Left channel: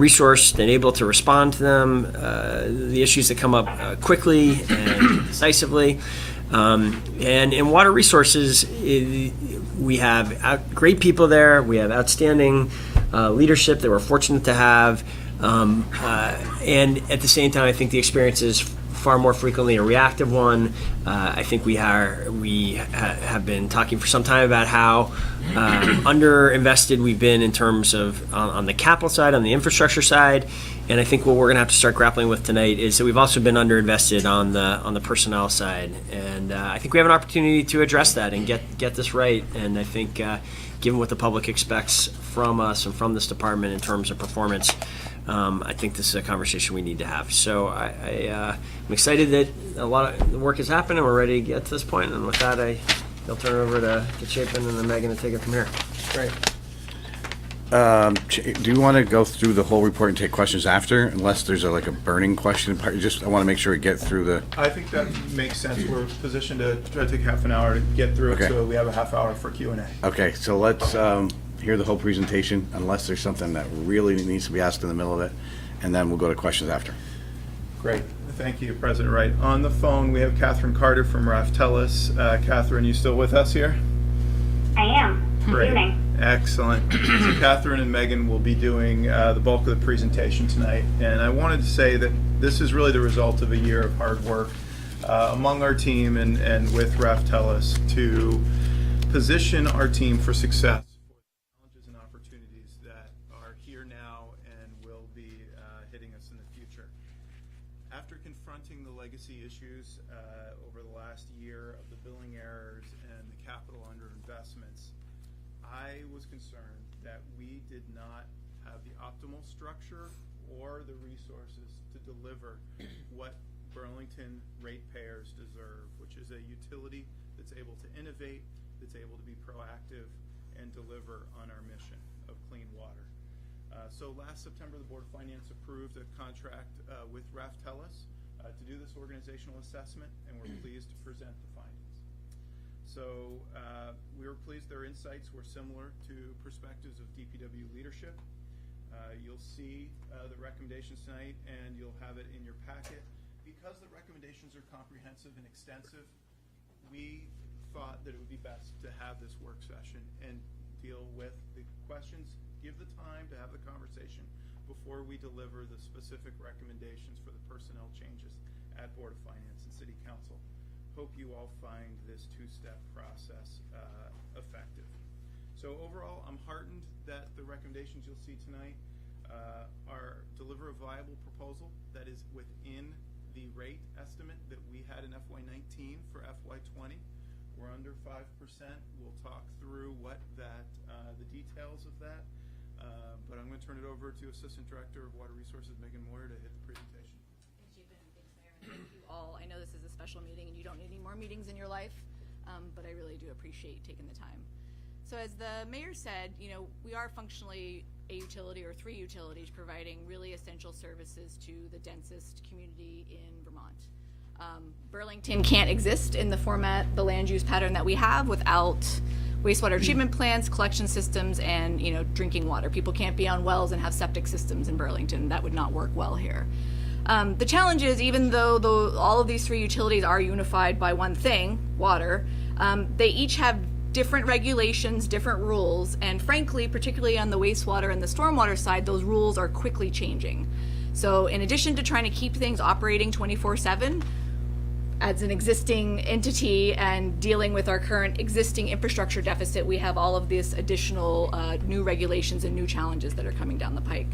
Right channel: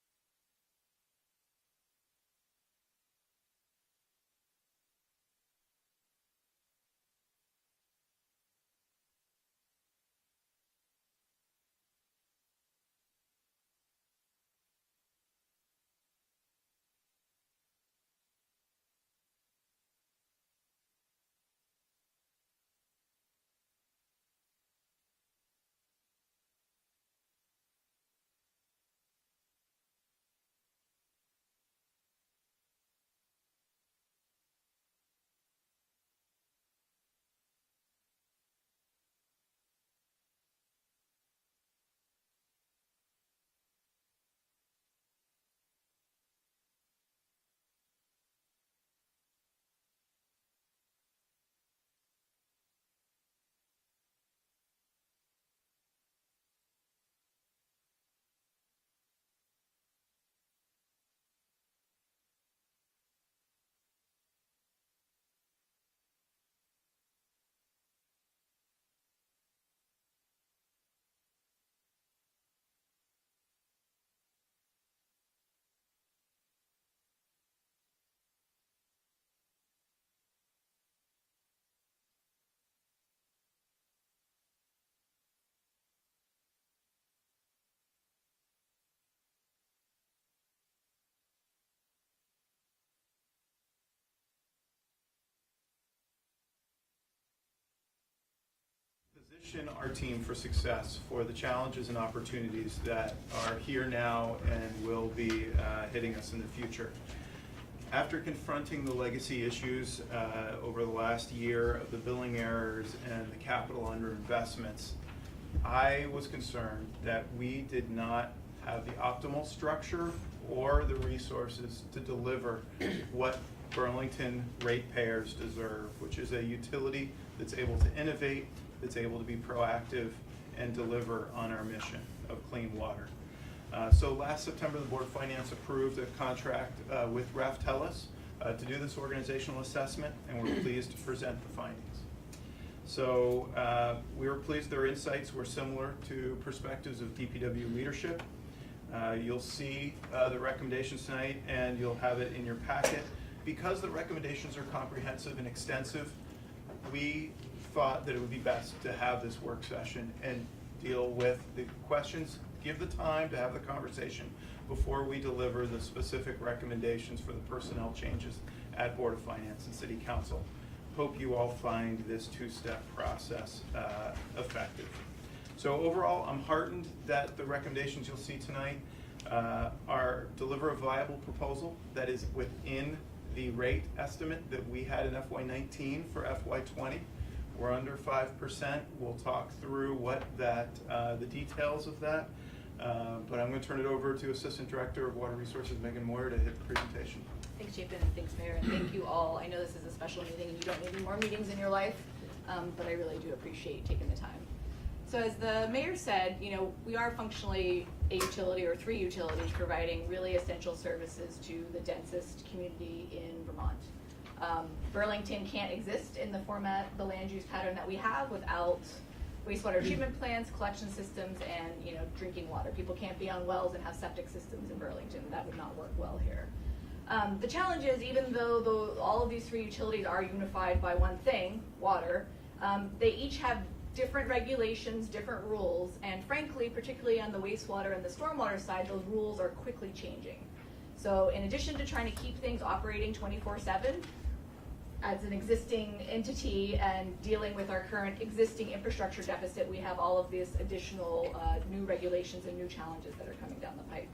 resourced and able to respond to them, the issues that come up quickly and decisively. And in water resources, we have great people there. We have outstanding leadership that we're fortunate to have. And at the same time, I think the experience is far more frequently a reactive one. I think we have been talking for some time about how underinvested we've been in terms of on the capital side, on the infrastructure side, and I think what we're going to have to start grappling with tonight is that we've also been underinvested on the personnel side, and I think we have an opportunity to address that and get this right. And I think given what the public expects from us and from this department in terms of performance, I think this is a conversation we need to have. So I'm excited that a lot of the work has happened and we're ready to get to this point. And with that, I'll turn it over to Chapin and then Megan to take it from here. Great. Do you want to go through the whole report and take questions after, unless there's a burning question part? I want to make sure we get through the. I think that makes sense. We're positioned to try to take half an hour to get through it, so we have a half hour for Q&A. Okay, so let's hear the whole presentation, unless there's something that really needs to be asked in the middle of it, and then we'll go to questions after. Great. Thank you, President Wright. On the phone, we have Catherine Carter from Raftellus. Catherine, you still with us here? I am. Great. Good evening. Excellent. So Catherine and Megan will be doing the bulk of the presentation tonight. And I wanted to say that this is really the result of a year of hard work among our team and with Raftellus to position our team for success for the challenges and opportunities that are here now and will be hitting us in the future. After confronting the legacy issues over the last year of the billing errors and the capital underinvestments, I was concerned that we did not have the optimal structure or the resources to deliver what Burlington ratepayers deserve, which is a utility that's able to innovate, that's able to be proactive, and deliver on our mission of clean water. So last September, the Board of Finance approved a contract with Raftellus to do this organizational assessment, and we're pleased to present the findings. So we were pleased their insights were similar to perspectives of DPW leadership. You'll see the recommendations tonight, and you'll have it in your packet. Because the recommendations are comprehensive and extensive, we thought that it would be best to have this work session and deal with the questions, give the time to have the conversation before we deliver the specific recommendations for the personnel changes at Board of Finance and City Council. Hope you all find this two-step process effective. So overall, I'm heartened that the recommendations you'll see tonight are deliver a viable proposal that is within the rate estimate that we had in FY19 for FY20. We're under 5%. We'll talk through what that, the details of that. But I'm going to turn it over to Assistant Director of Water Resources, Megan Moyer, to hit the presentation. Thanks, Chapin, and thanks, Mayor, and thank you all. I know this is a special meeting and you don't need any more meetings in your life, but I really do appreciate you taking the time. So as the Mayor said, you know, we are functionally a utility or three utilities providing really essential services to the densest community in Vermont. Burlington can't exist in the format, the land use pattern that we have without wastewater treatment plants, collection systems, and drinking water. People can't be on wells and have septic systems in Burlington. That would not work well here. The challenge is, even though all of these three utilities are unified by one thing, water, they each have different regulations, different rules, and frankly, particularly on the wastewater and the stormwater side, those rules are quickly changing. So in addition to trying to keep things operating 24/7, as an existing entity and dealing with our current existing infrastructure deficit, we have all of these additional new regulations and new challenges that are coming down the pike.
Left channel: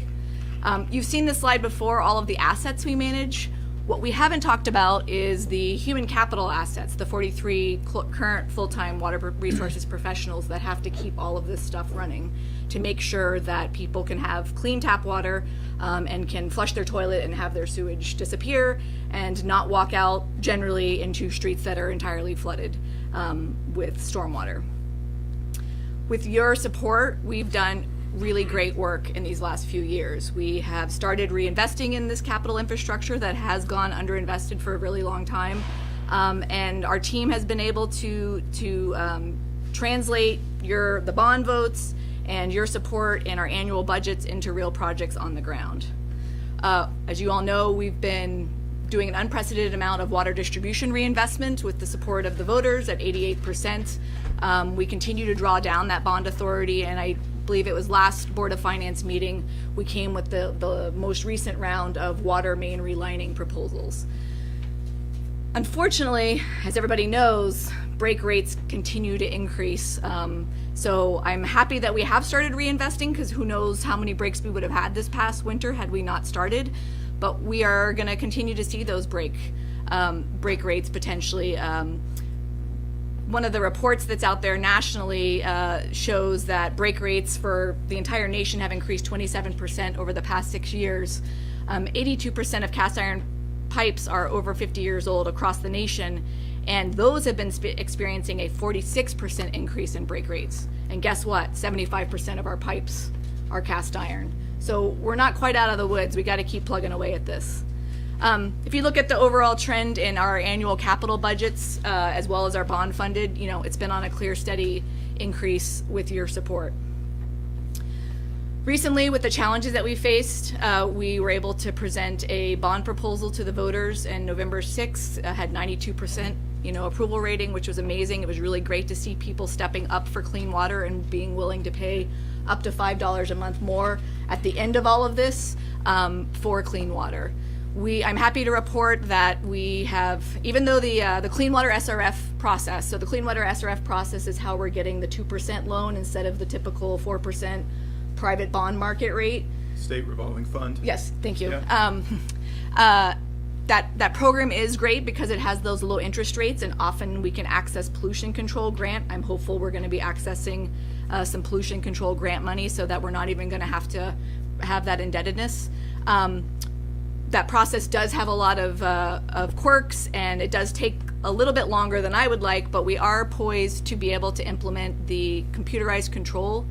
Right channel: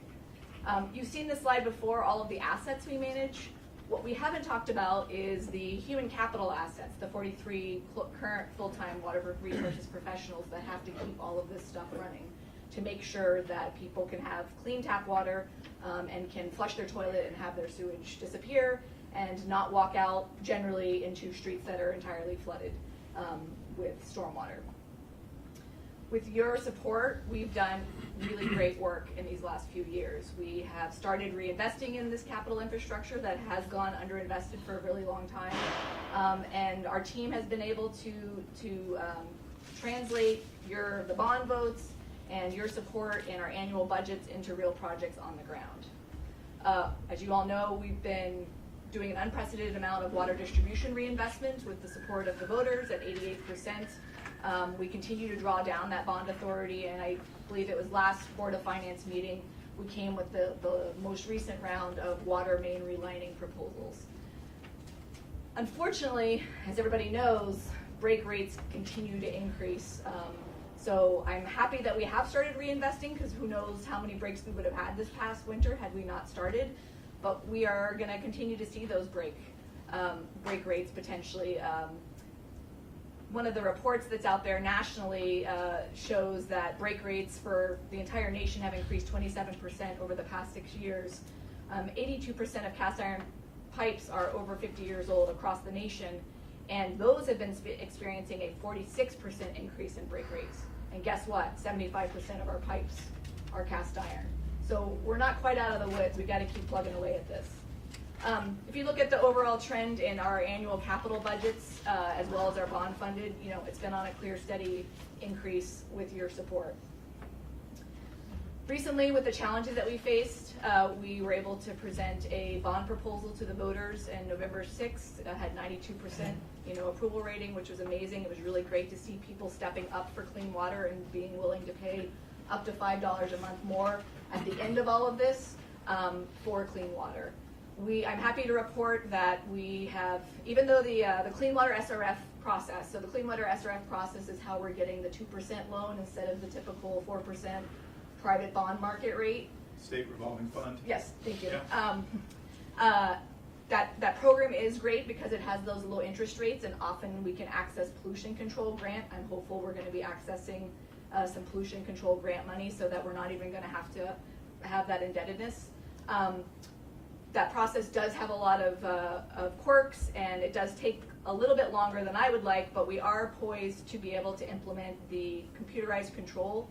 You've seen this slide before, all of the assets we manage. What we haven't talked about is the human capital assets, the 43 current full-time water resources professionals that have to keep all of this stuff running to make sure that people can have clean tap water and can flush their toilet and have their sewage disappear and not walk out generally into streets that are entirely flooded with stormwater. With your support, we've done really great work in these last few years. We have started reinvesting in this capital infrastructure that has gone underinvested for a really long time, and our team has been able to translate the bond votes and your support in our annual budgets into real projects on the ground. As you all know, we've been doing an unprecedented amount of water distribution reinvestment with the support of the voters at 88%. We continue to draw down that bond authority, and I believe it was last Board of Finance meeting, we came with the most recent round of water main relining proposals. Unfortunately, as everybody knows, break rates continue to increase. So I'm happy that we have started reinvesting, because who knows how many breaks we would have had this past winter had we not started. But we are going to continue to see those break rates potentially. One of the reports that's out there nationally shows that break rates for the entire nation have increased 27% over the past 6 years. 82% of cast iron pipes are over 50 years old across the nation, and those have been experiencing a 46% increase in break rates. And guess what? 75% of our pipes are cast iron. So we're not quite out of the woods. We got to keep plugging away at this. If you look at the overall trend in our annual capital budgets, as well as our bond funded, it's been on a clear, steady increase with your support. Recently, with the challenges that we faced, we were able to present a bond proposal to the voters, and November 6th had 92% approval rating, which was amazing. It was really great to see people stepping up for clean water and being willing to pay up to $5 a month more at the end of all of this for clean water. I'm happy to report that we have, even though the Clean Water SRF process, so the Clean Water SRF process is how we're getting the 2% loan instead of the typical 4% private bond market rate. State revolving fund. Yes, thank you. Yeah. That program is great because it has those low interest rates, and often we can access pollution control grant. I'm hopeful we're going to be accessing some pollution control grant money so that we're not even going to have that indebtedness. That process does have a lot of quirks, and it does take a little bit longer than I would like, but we are poised to be able to implement the computerized control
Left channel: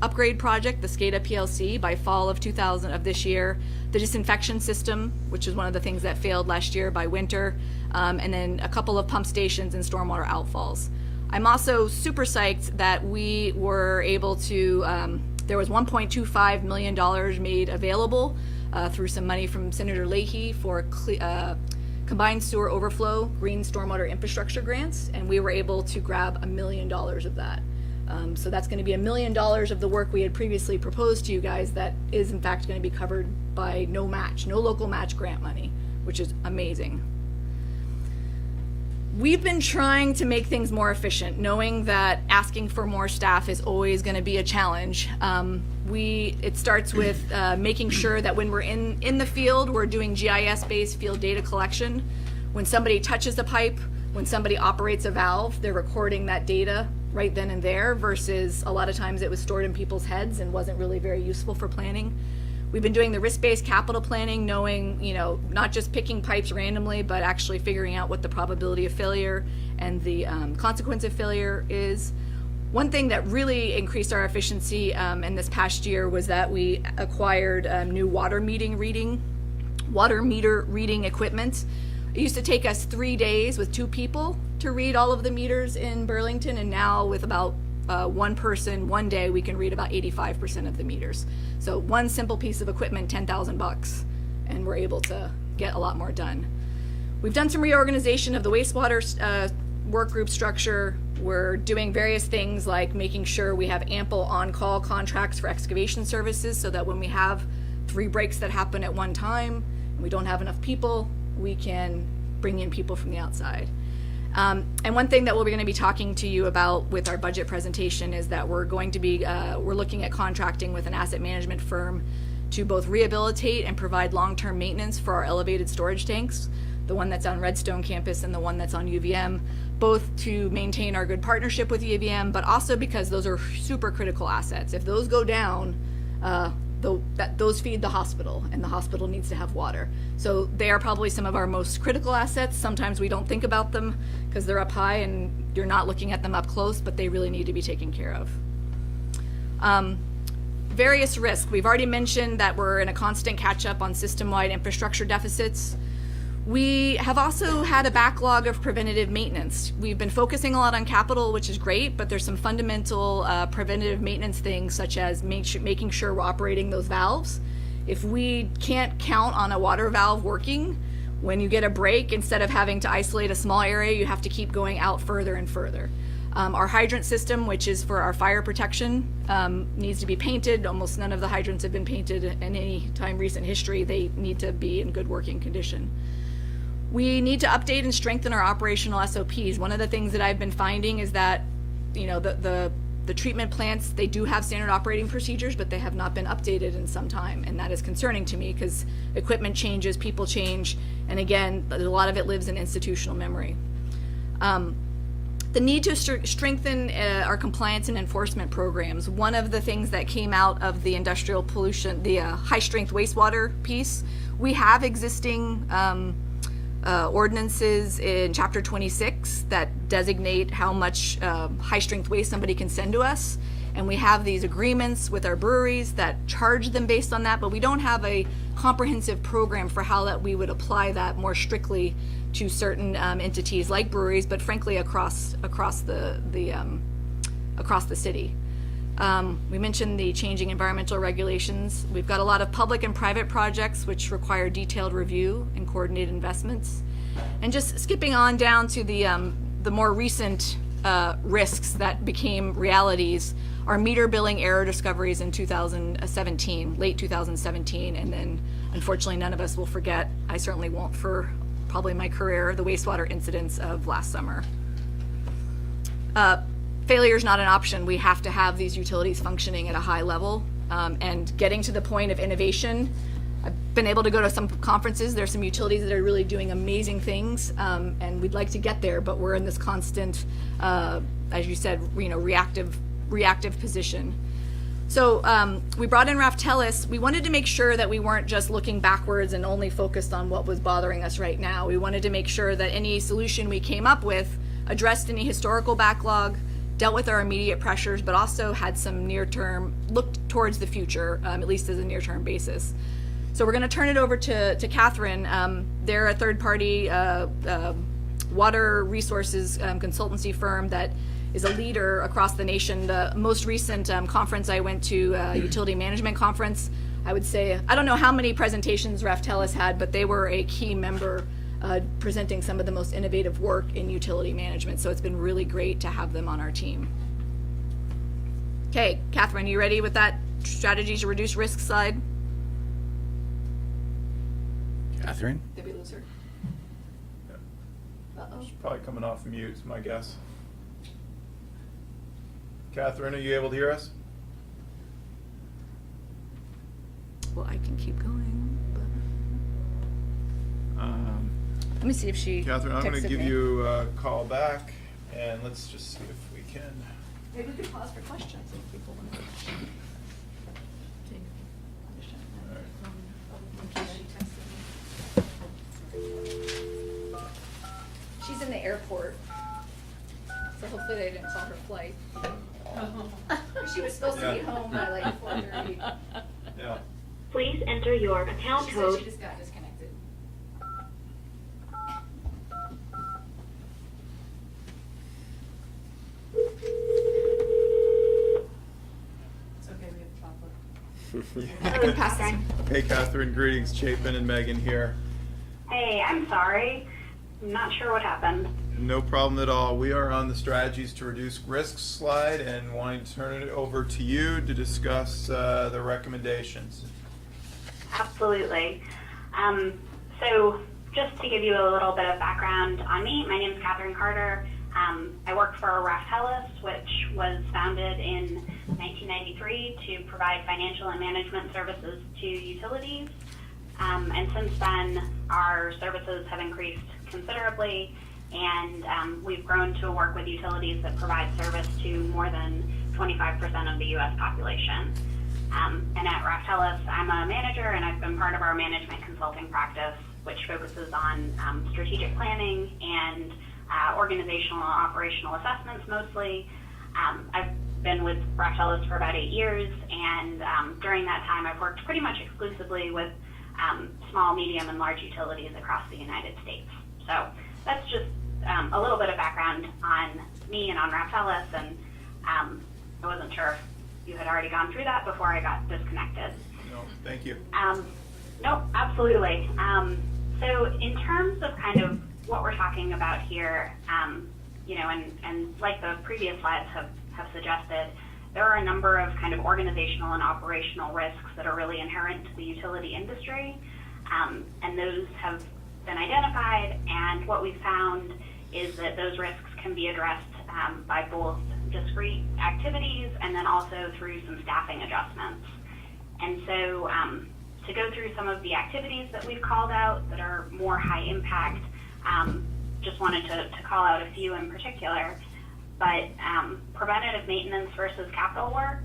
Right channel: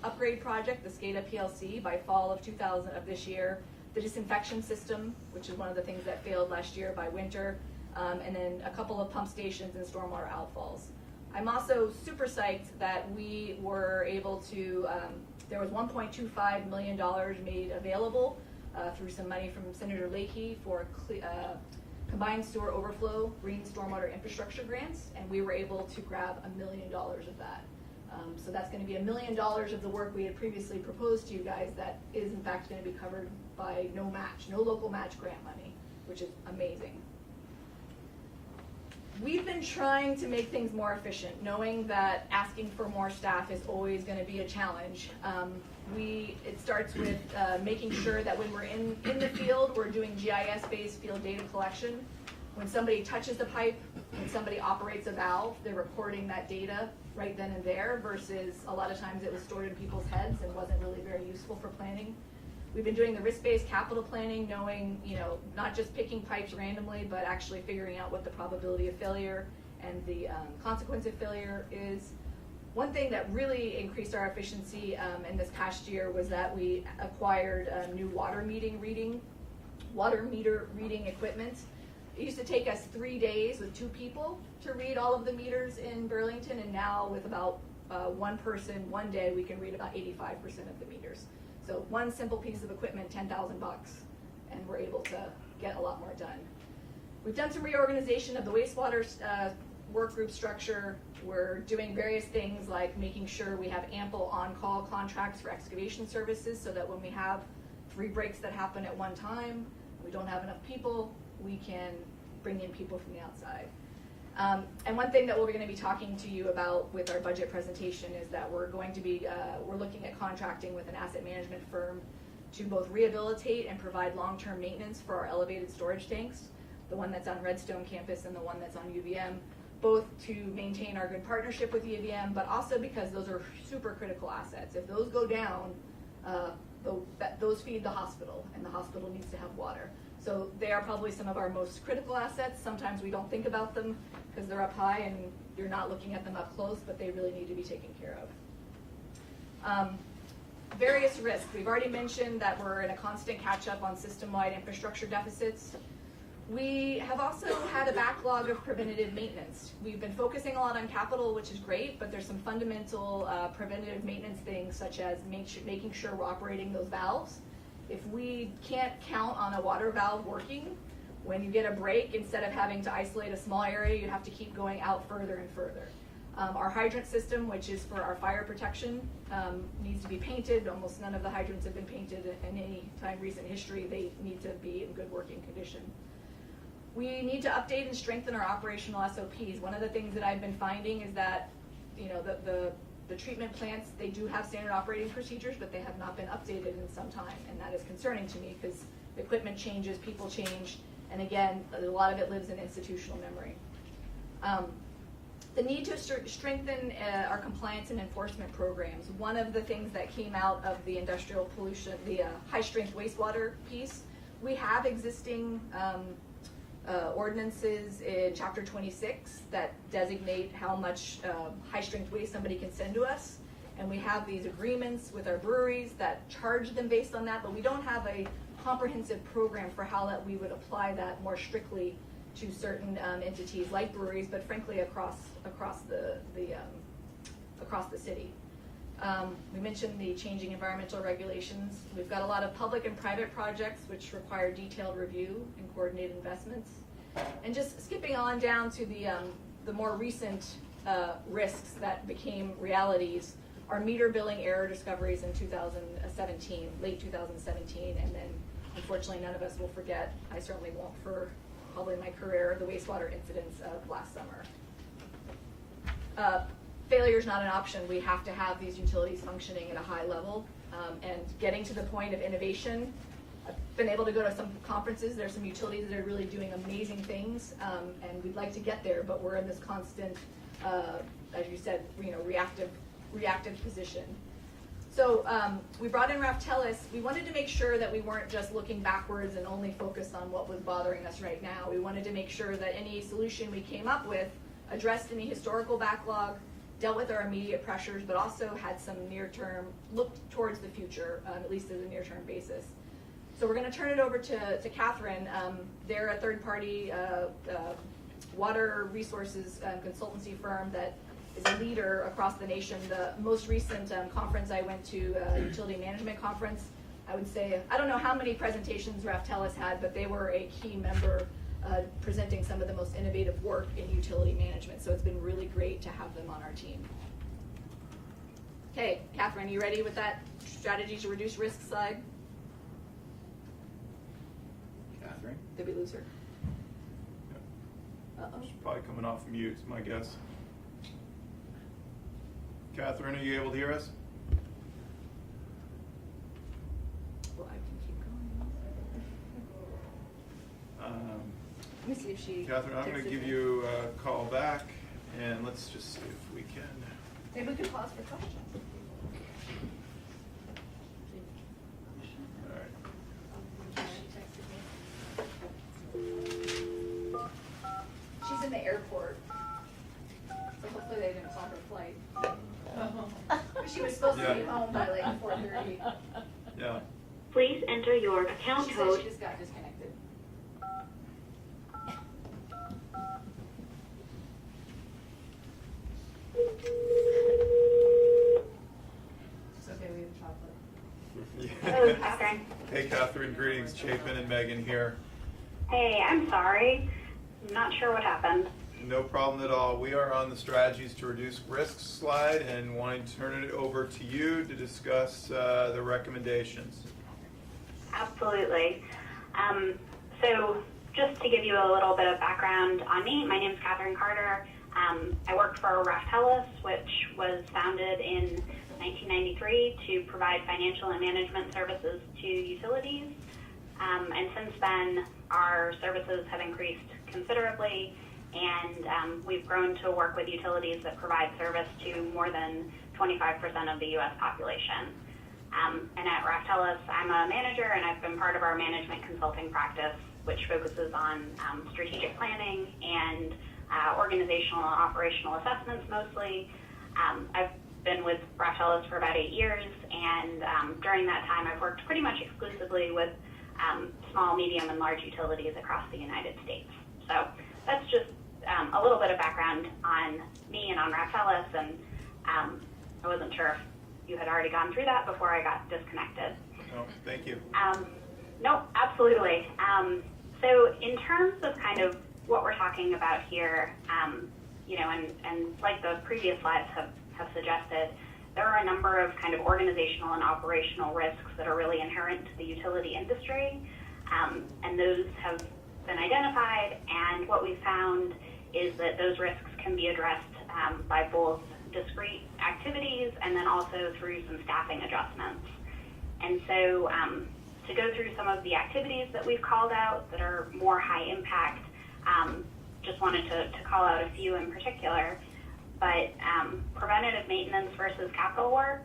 upgrade project, the SCADA PLC, by fall of this year. The disinfection system, which is one of the things that failed last year by winter, and then a couple of pump stations and stormwater outfalls. I'm also super psyched that we were able to, there was $1.25 million made available through some money from Senator Leahy for combined sewer overflow green stormwater infrastructure grants, and we were able to grab $1 million of that. So that's going to be $1 million of the work we had previously proposed to you guys that is in fact going to be covered by no local match grant money, which is amazing. We've been trying to make things more efficient, knowing that asking for more staff is always going to be a challenge. It starts with making sure that when we're in the field, we're doing GIS-based field data collection. When somebody touches a pipe, when somebody operates a valve, they're recording that data right then and there, versus a lot of times it was stored in people's heads and wasn't really very useful for planning. We've been doing the risk-based capital planning, knowing, not just picking pipes randomly, but actually figuring out what the probability of failure and the consequence of failure is. One thing that really increased our efficiency in this past year was that we acquired new water meter reading equipment. It used to take us 3 days with 2 people to read all of the meters in Burlington, and now with about one person, 1 day, we can read about 85% of the meters. So one simple piece of equipment, $10,000, and we're able to get a lot more done. We've done some reorganization of the wastewater work group structure. We're doing various things like making sure we have ample on-call contracts for excavation services, so that when we have 3 breaks that happen at one time, and we don't have enough people, we can bring in people from the outside. And one thing that we're going to be talking to you about with our budget presentation is that we're going to be, we're looking at contracting with an asset management firm to both rehabilitate and provide long-term maintenance for our elevated storage tanks, the one that's on Redstone campus and the one that's on UVM, both to maintain our good partnership with UVM, but also because those are super critical assets. If those go down, those feed the hospital, and the hospital needs to have water. So they are probably some of our most critical assets. Sometimes we don't think about them because they're up high and you're not looking at them up close, but they really need to be taken care of. Various risks. We've already mentioned that we're in a constant catch-up on system-wide infrastructure deficits. We have also had a backlog of preventative maintenance. We've been focusing a lot on capital, which is great, but there's some fundamental preventative maintenance things, such as making sure we're operating those valves. If we can't count on a water valve working, when you get a break, instead of having to isolate a small area, you have to keep going out further and further. Our hydrant system, which is for our fire protection, needs to be painted. Almost none of the hydrants have been painted in any time recent history. They need to be in good working condition. We need to update and strengthen our operational SOPs. One of the things that I've been finding is that, you know, the treatment plants, they do have standard operating procedures, but they have not been updated in some time, and that is concerning to me because equipment changes, people change, and again, a lot of it lives in institutional memory. The need to strengthen our compliance and enforcement programs. One of the things that came out of the industrial pollution, the high-strength wastewater piece, we have existing ordinances in Chapter 26 that designate how much high-strength waste somebody can send to us. And we have these agreements with our breweries that charge them based on that, but we don't have a comprehensive program for how that we would apply that more strictly to certain entities like breweries, but frankly across the city. We mentioned the changing environmental regulations. We've got a lot of public and private projects which require detailed review and coordinated investments. And just skipping on down to the more recent risks that became realities, our meter billing error discoveries in 2017, late 2017, and then unfortunately none of us will forget, I certainly won't for probably my career, the wastewater incidents of last summer. Failure is not an option. We have to have these utilities functioning at a high level, and getting to the point of innovation. I've been able to go to some conferences. There's some utilities that are really doing amazing things, and we'd like to get there, but we're in this constant, as you said, you know, reactive position. So we brought in Raftelis. We wanted to make sure that we weren't just looking backwards and only focused on what was bothering us right now. We wanted to make sure that any solution we came up with addressed any historical backlog, dealt with our immediate pressures, but also had some near-term, looked towards the future, at least as a near-term basis. So we're going to turn it over to Catherine. They're a third-party water resources consultancy firm that is a leader across the nation. The most recent conference I went to, utility management conference, I would say, I don't know how many presentations Raftelis had, but they were a key member presenting some of the most innovative work in utility management. So it's been really great to have them on our team. Okay, Catherine, you ready with that strategy to reduce risk slide? Catherine? Did we lose her? Yeah. Uh-oh. She's probably coming off mute, is my guess. Catherine, are you able to hear us? Well, I can keep going. Let me see if she Catherine, I'm going to texted give me. you a call back, and let's just see if we can. Maybe we could pause for questions if people want to. She's in the airport, so hopefully they didn't call her flight. She was supposed to be home by like 4:30. Yeah. Please enter your account She said code. she just got disconnected. It's okay, we have chocolate. Hello, Catherine. Hey, Catherine, greetings. Chapin and Megan here. Hey, I'm sorry. I'm not sure what happened. No problem at all. We are on the strategies to reduce risk slide and wanting to turn it over to you to discuss the recommendations. Absolutely. So just to give you a little bit of background on me, my name is Catherine Carter. I work for Raftelis, which was founded in 1993 to provide financial and management services to utilities. And since then, our services have increased considerably, and we've grown to work with utilities that provide service to more than 25% of the U.S. population. And at Raftelis, I'm a manager, and I've been part of our management consulting practice, which focuses on strategic planning and organizational and operational assessments mostly. I've been with Raftelis for about 8 years, and during that time, I've worked pretty much exclusively with small, medium, and large utilities across the United States. So that's just a little bit of background on me and on Rafellis, and I wasn't sure if you had already gone through that before I got disconnected. No, thank you. No, absolutely. So in terms of kind of what we're talking about here, you know, and like the previous slides have suggested, there are a number of kind of organizational and operational risks that are really inherent to the utility industry, and those have been identified, and what we've found is that those risks can be addressed by both discrete activities and then also through some staffing adjustments. And so to go through some of the activities that we've called out that are more high impact, just wanted to call out a few in particular, but preventative maintenance versus capital work,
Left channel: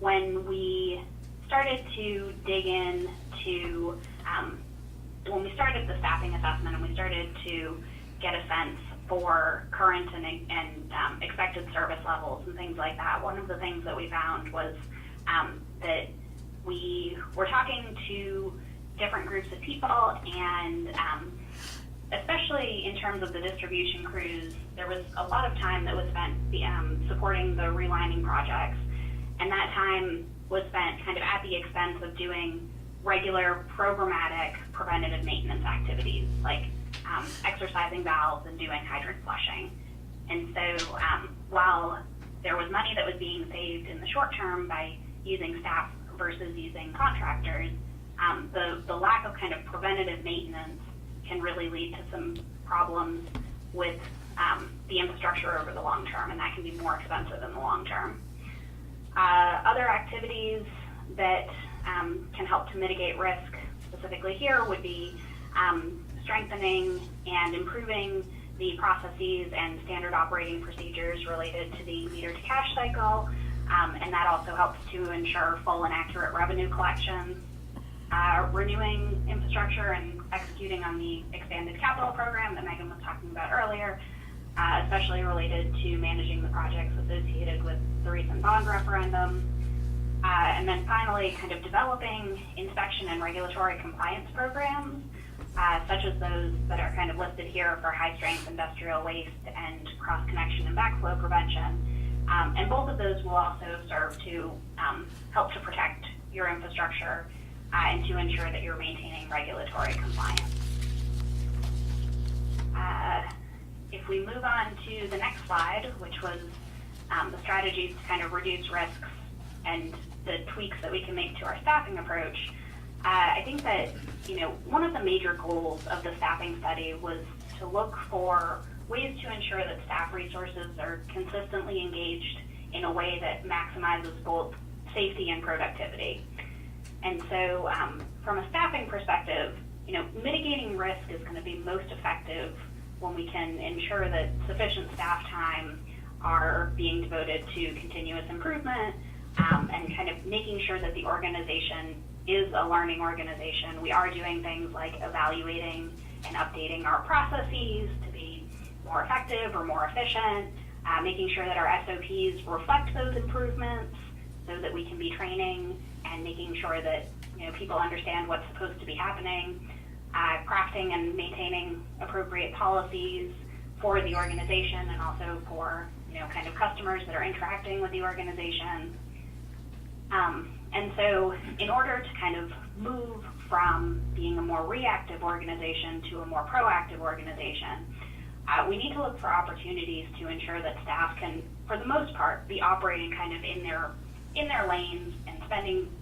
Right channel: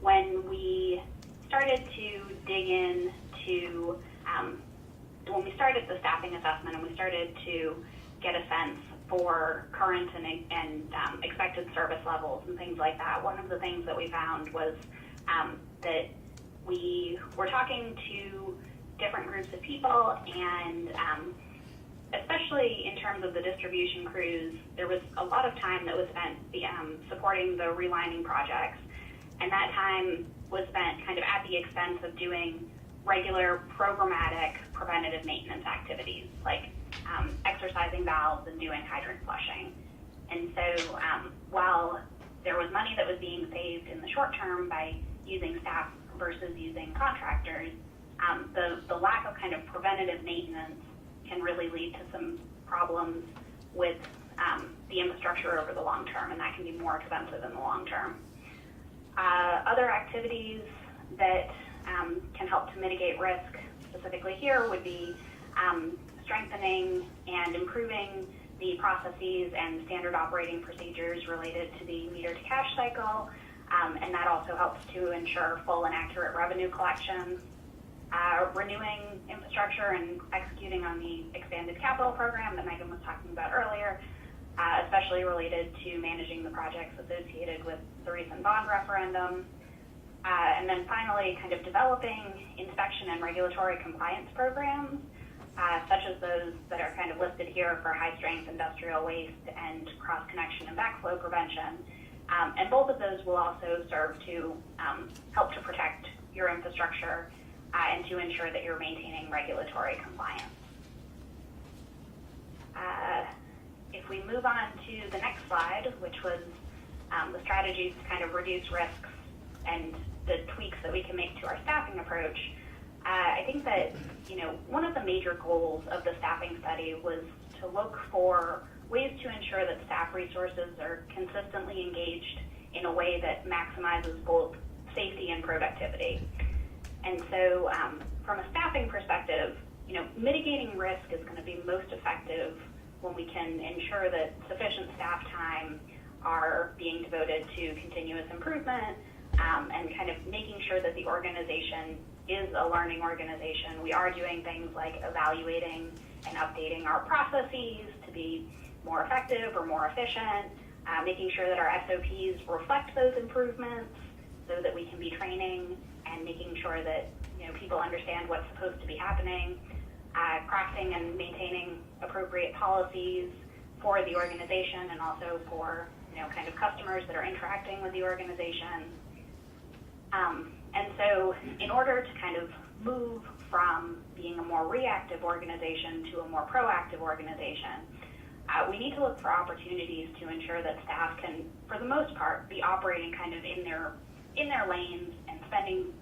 when we started to dig into, when we started the staffing assessment and we started to get a sense for current and expected service levels and things like that, one of the things that we found was that we were talking to different groups of people, and especially in terms of the distribution crews, there was a lot of time that was spent supporting the relining projects, and that time was spent kind of at the expense of doing regular programmatic preventative maintenance activities like exercising valves and doing hydrant flushing. And so while there was money that was being saved in the short term by using staff versus using contractors, the lack of kind of preventative maintenance can really lead to some problems with the infrastructure over the long term, and that can be more expensive in the long term. Other activities that can help to mitigate risk specifically here would be strengthening and improving the processes and standard operating procedures related to the meter to cash cycle, and that also helps to ensure full and accurate revenue collection. Renewing infrastructure and executing on the expanded capital program that Megan was talking about earlier, especially related to managing the projects associated with the recent bond referendum. And then finally, kind of developing inspection and regulatory compliance programs, such as those that are kind of listed here for high-strength industrial waste and cross-connection and backflow prevention. And both of those will also serve to help to protect your infrastructure and to ensure that you're maintaining regulatory compliance. If we move on to the next slide, which was the strategies to kind of reduce risks and the tweaks that we can make to our staffing approach, I think that, you know, one of the major goals of the staffing study was to look for ways to ensure that staff resources are consistently engaged in a way that maximizes both safety and productivity. And so from a staffing perspective, you know, mitigating risk is going to be most effective when we can ensure that sufficient staff time are being devoted to continuous improvement and kind of making sure that the organization is a learning organization. We are doing things like evaluating and updating our processes to be more effective or more efficient, making sure that our SOPs reflect those improvements so that we can be training and making sure that, you know, people understand what's supposed to be happening, crafting and maintaining appropriate policies for the organization and also for, you know, kind of customers that are interacting with the organization. And so in order to kind of move from being a more reactive organization to a more proactive organization, we need to look for opportunities to ensure that staff can, for the most part, be operating kind of in their lanes and spending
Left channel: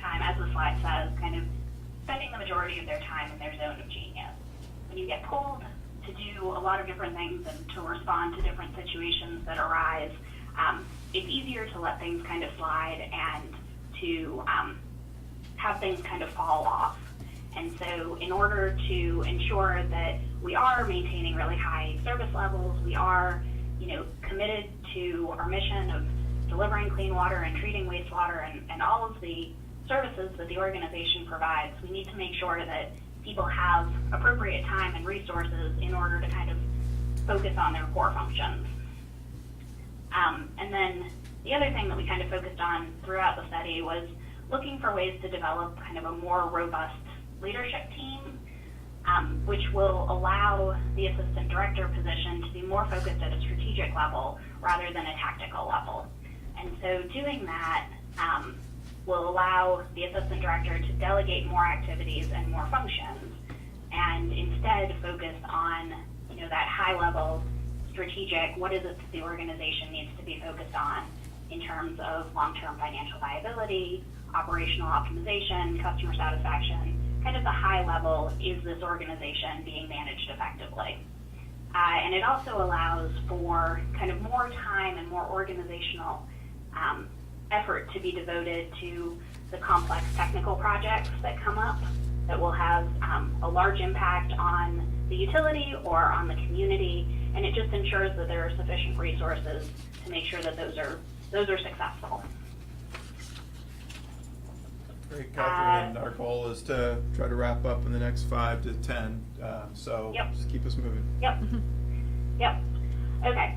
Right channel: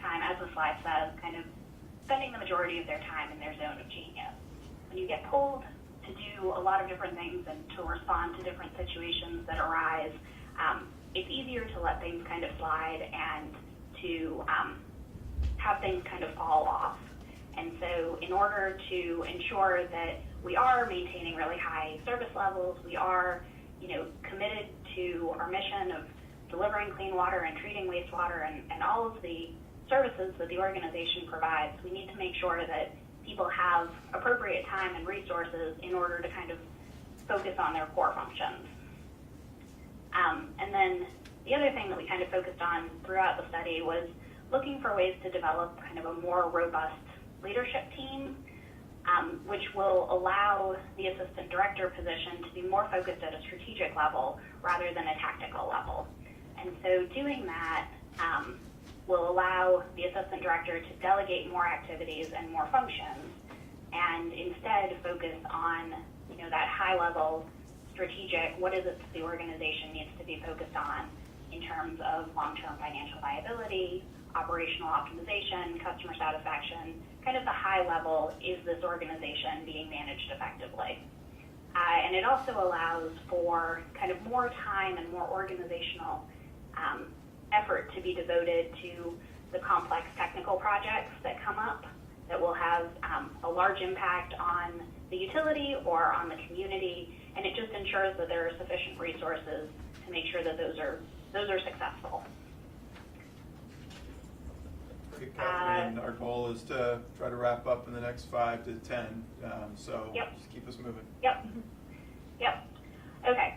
time, as the slide says, kind of spending the majority of their time in their zone of genius. When you get pulled to do a lot of different things and to respond to different situations that arise, it's easier to let things kind of slide and to have things kind of fall off. And so in order to ensure that we are maintaining really high service levels, we are, you know, committed to our mission of delivering clean water and treating wastewater and all of the services that the organization provides, we need to make sure that people have appropriate time and resources in order to kind of focus on their core functions. And then the other thing that we kind of focused on throughout the study was looking for ways to develop kind of a more robust leadership team, which will allow the assistant director position to be more focused at a strategic level rather than a tactical level. And so doing that will allow the assistant director to delegate more activities and more functions, and instead focus on, that high level strategic, what is it that the organization needs to be focused on in terms of long-term financial viability, operational optimization, customer satisfaction, kind of the high level, is this organization being managed effectively? And it also allows for kind of more time and more organizational effort to be devoted to the complex technical projects that come up that will have a large impact on the utility or on the community, and it just ensures that there are sufficient resources to make sure that those are successful. Great, Catherine. Our goal is to try to wrap up in the next 5 to 10. So Yep. just keep us moving. Yep. Yep. Okay.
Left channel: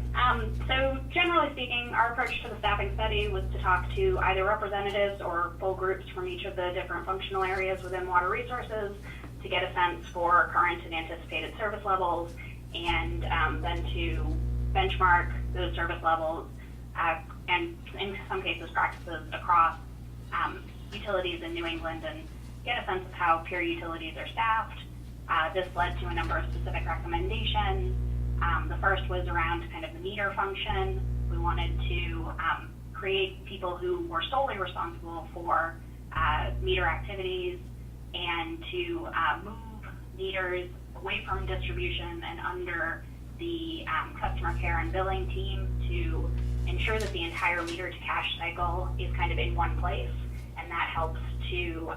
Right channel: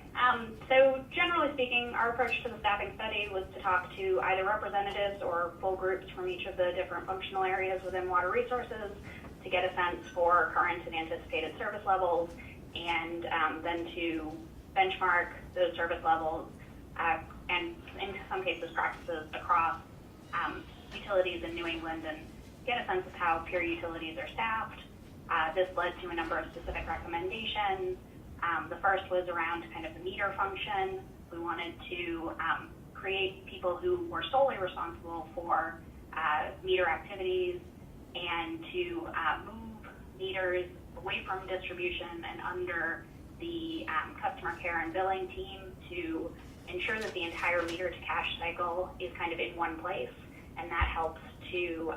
So generally speaking, our approach to the staffing study was to talk to either representatives or full groups from each of the different functional areas within water resources to get a sense for current and anticipated service levels, and then to benchmark those service levels and in some cases practices across utilities in New England, and get a sense of how peer utilities are staffed. This led to a number of specific recommendations. The first was around kind of the meter function. We wanted to create people who were solely responsible for meter activities, and to move meters away from distribution and under the customer care and billing team to ensure that the entire meter to cash cycle is kind of in one place, and that helps to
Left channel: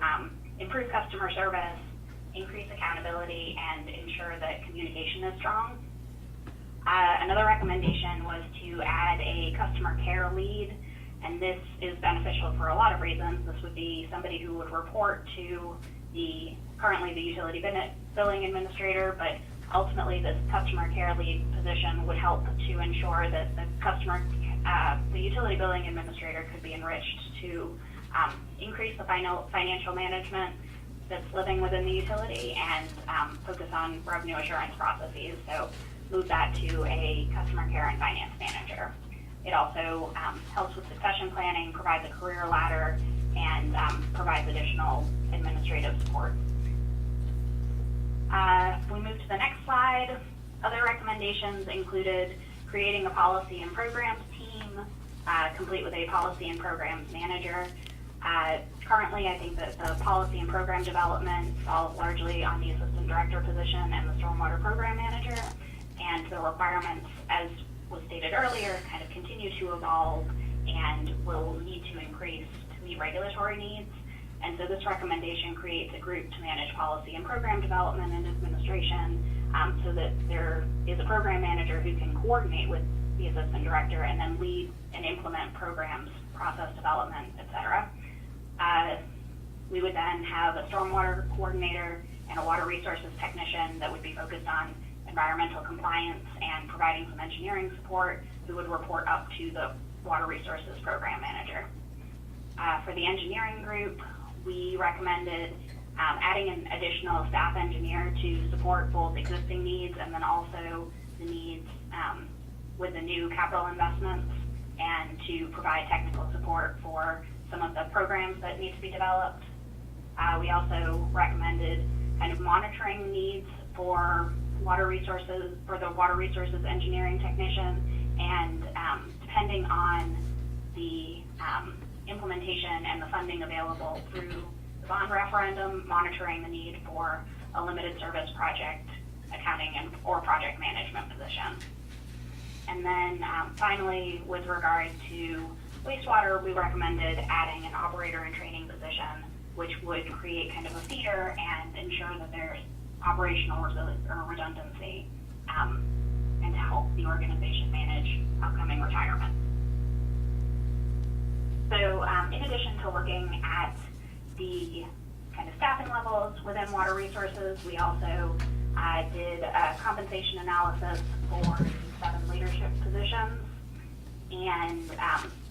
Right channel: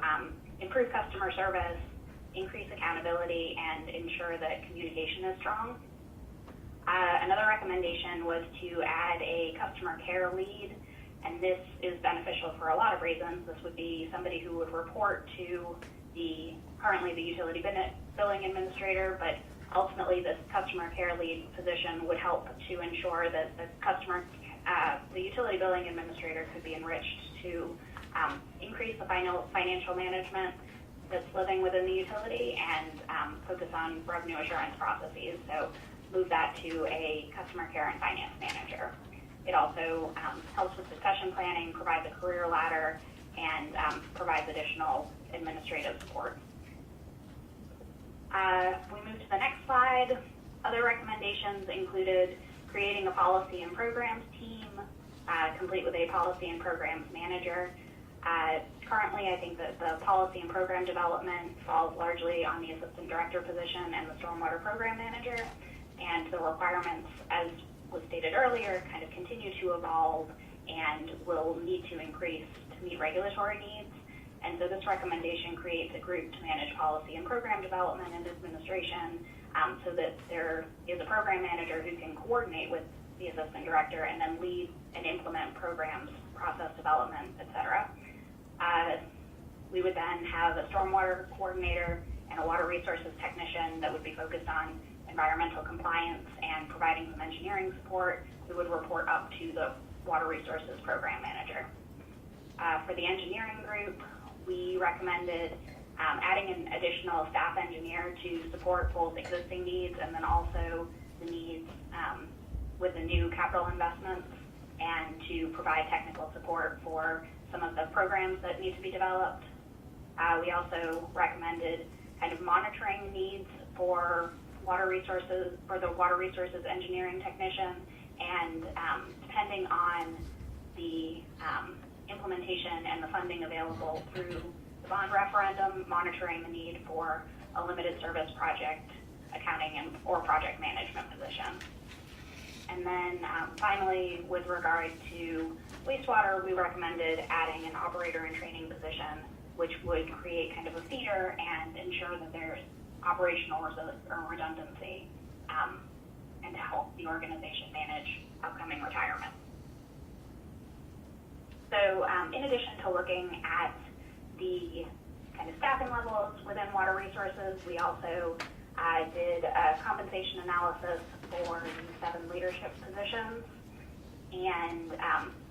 improve customer service, increase accountability, and ensure that communication is strong. Another recommendation was to add a customer care lead, and this is beneficial for a lot of reasons. This would be somebody who would report to currently the utility billing administrator, but ultimately this customer care lead position would help to ensure that the utility billing administrator could be enriched to increase the financial management that's living within the utility, and focus on revenue assurance processes. So move that to a customer care and finance manager. It also helps with succession planning, provides a career ladder, and provides additional administrative support. We move to the next slide. Other recommendations included creating a policy and programs team, complete with a policy and programs manager. Currently, I think that the policy and program development falls largely on the assistant director position and the stormwater program manager, and the requirements, as was stated earlier, kind of continue to evolve and will need to increase to meet regulatory needs. And so this recommendation creates a group to manage policy and program development and administration, so that there is a program manager who can coordinate with the assistant director and then lead and implement programs, process development, etc. We would then have a stormwater coordinator and a water resources technician that would be focused on environmental compliance and providing some engineering support, who would report up to the water resources program manager. For the engineering group, we recommended adding an additional staff engineer to support both existing needs and then also the needs with the new capital investments, and to provide technical support for some of the programs that need to be developed. We also recommended kind of monitoring needs for water resources, for the water resources engineering technician, and depending on the implementation and the funding available through the bond referendum, monitoring the need for a limited service project accounting or project management position. And then finally, with regard to wastewater, we recommended adding an operator and training position, which would create kind of a feeder and ensure that there's operational redundancy, and to help the organization manage upcoming retirement. So in addition to looking at the kind of staffing levels within water resources, we also did a compensation analysis for the 7 leadership positions, and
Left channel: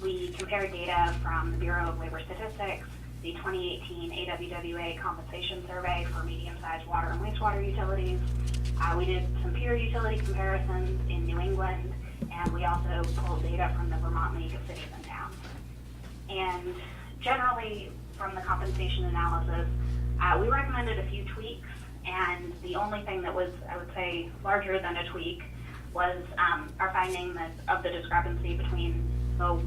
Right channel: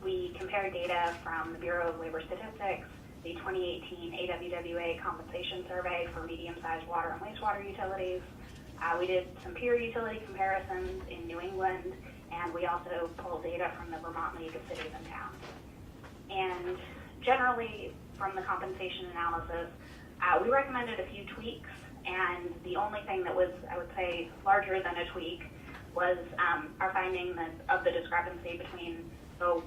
we compared data from the Bureau of Labor Statistics the 2018 AWWA compensation survey for medium-sized water and wastewater utilities. We did some peer utility comparisons in New England, and we also pulled data from the Vermont League of Cities and Towns. And generally, from the compensation analysis, we recommended a few tweaks, and the only thing that was, I would say, larger than a tweak was our finding of the discrepancy between the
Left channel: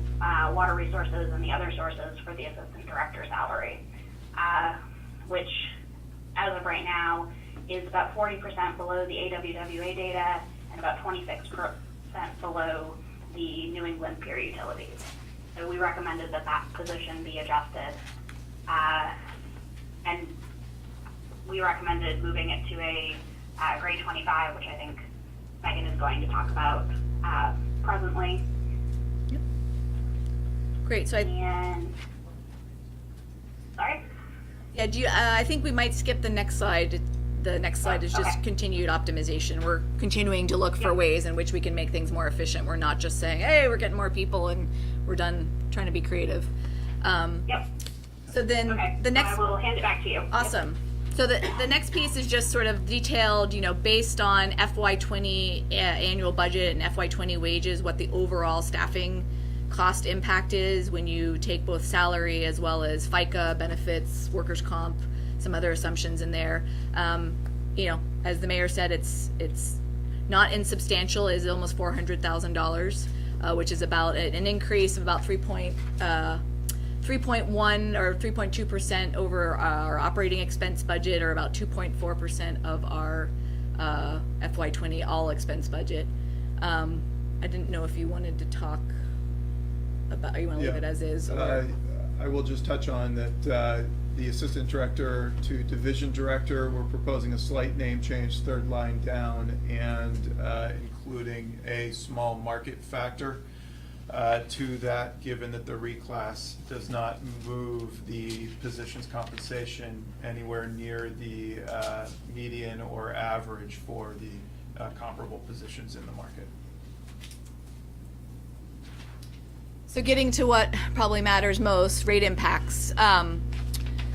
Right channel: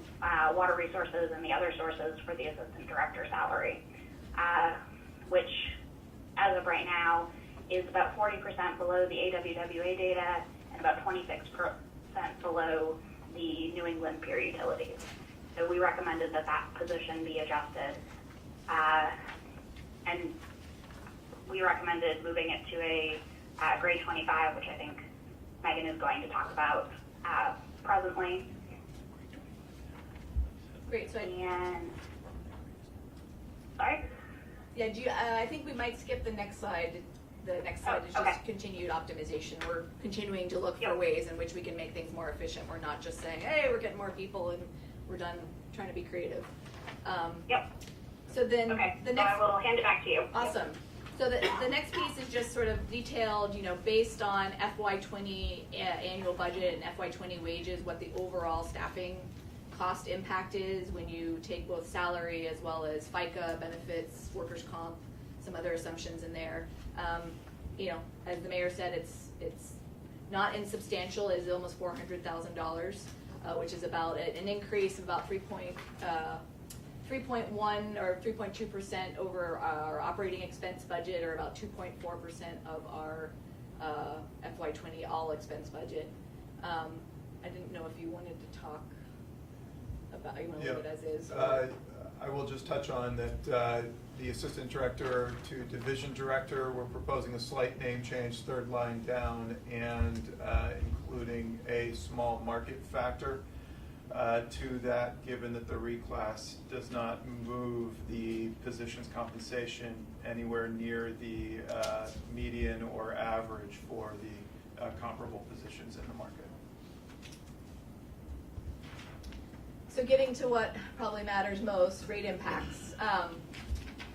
water resources and the other sources for the assistant director salary, which, as of right now, is about 40% below the AWWA data and about 26% below the New England peer utilities. So we recommended that position be adjusted, and we recommended moving it to a grade 25, which I think Megan is going to talk about presently. Great, so Sorry? yeah, I think we might skip the next slide. The next slide is just okay. continued optimization. We're continuing to look for ways in which we can make things more efficient. We're not just saying, hey, we're getting more people and we're done trying to be creative. Yep. So then Okay. the next, So I will hand it back to you. awesome. So the next piece is just sort of detailed, based on FY20 annual budget and FY20 wages, what the overall staffing cost impact is when you take both salary as well as FICA, benefits, workers' comp, some other assumptions in there. As the mayor said, it's not insubstantial. It's almost $400,000, which is about an increase of about 3.1 or 3.2% over our operating expense budget, or about 2.4% of our FY20 all expense budget. I didn't know if you wanted to talk about, you want to leave it as is? Or? I will just touch on that the assistant director to division director, we're proposing a slight name change, third line down, and including a small market factor to that, given that the reclass does not move the position's compensation anywhere near the median or average for the comparable positions in the market. So getting to what probably matters most, rate impacts.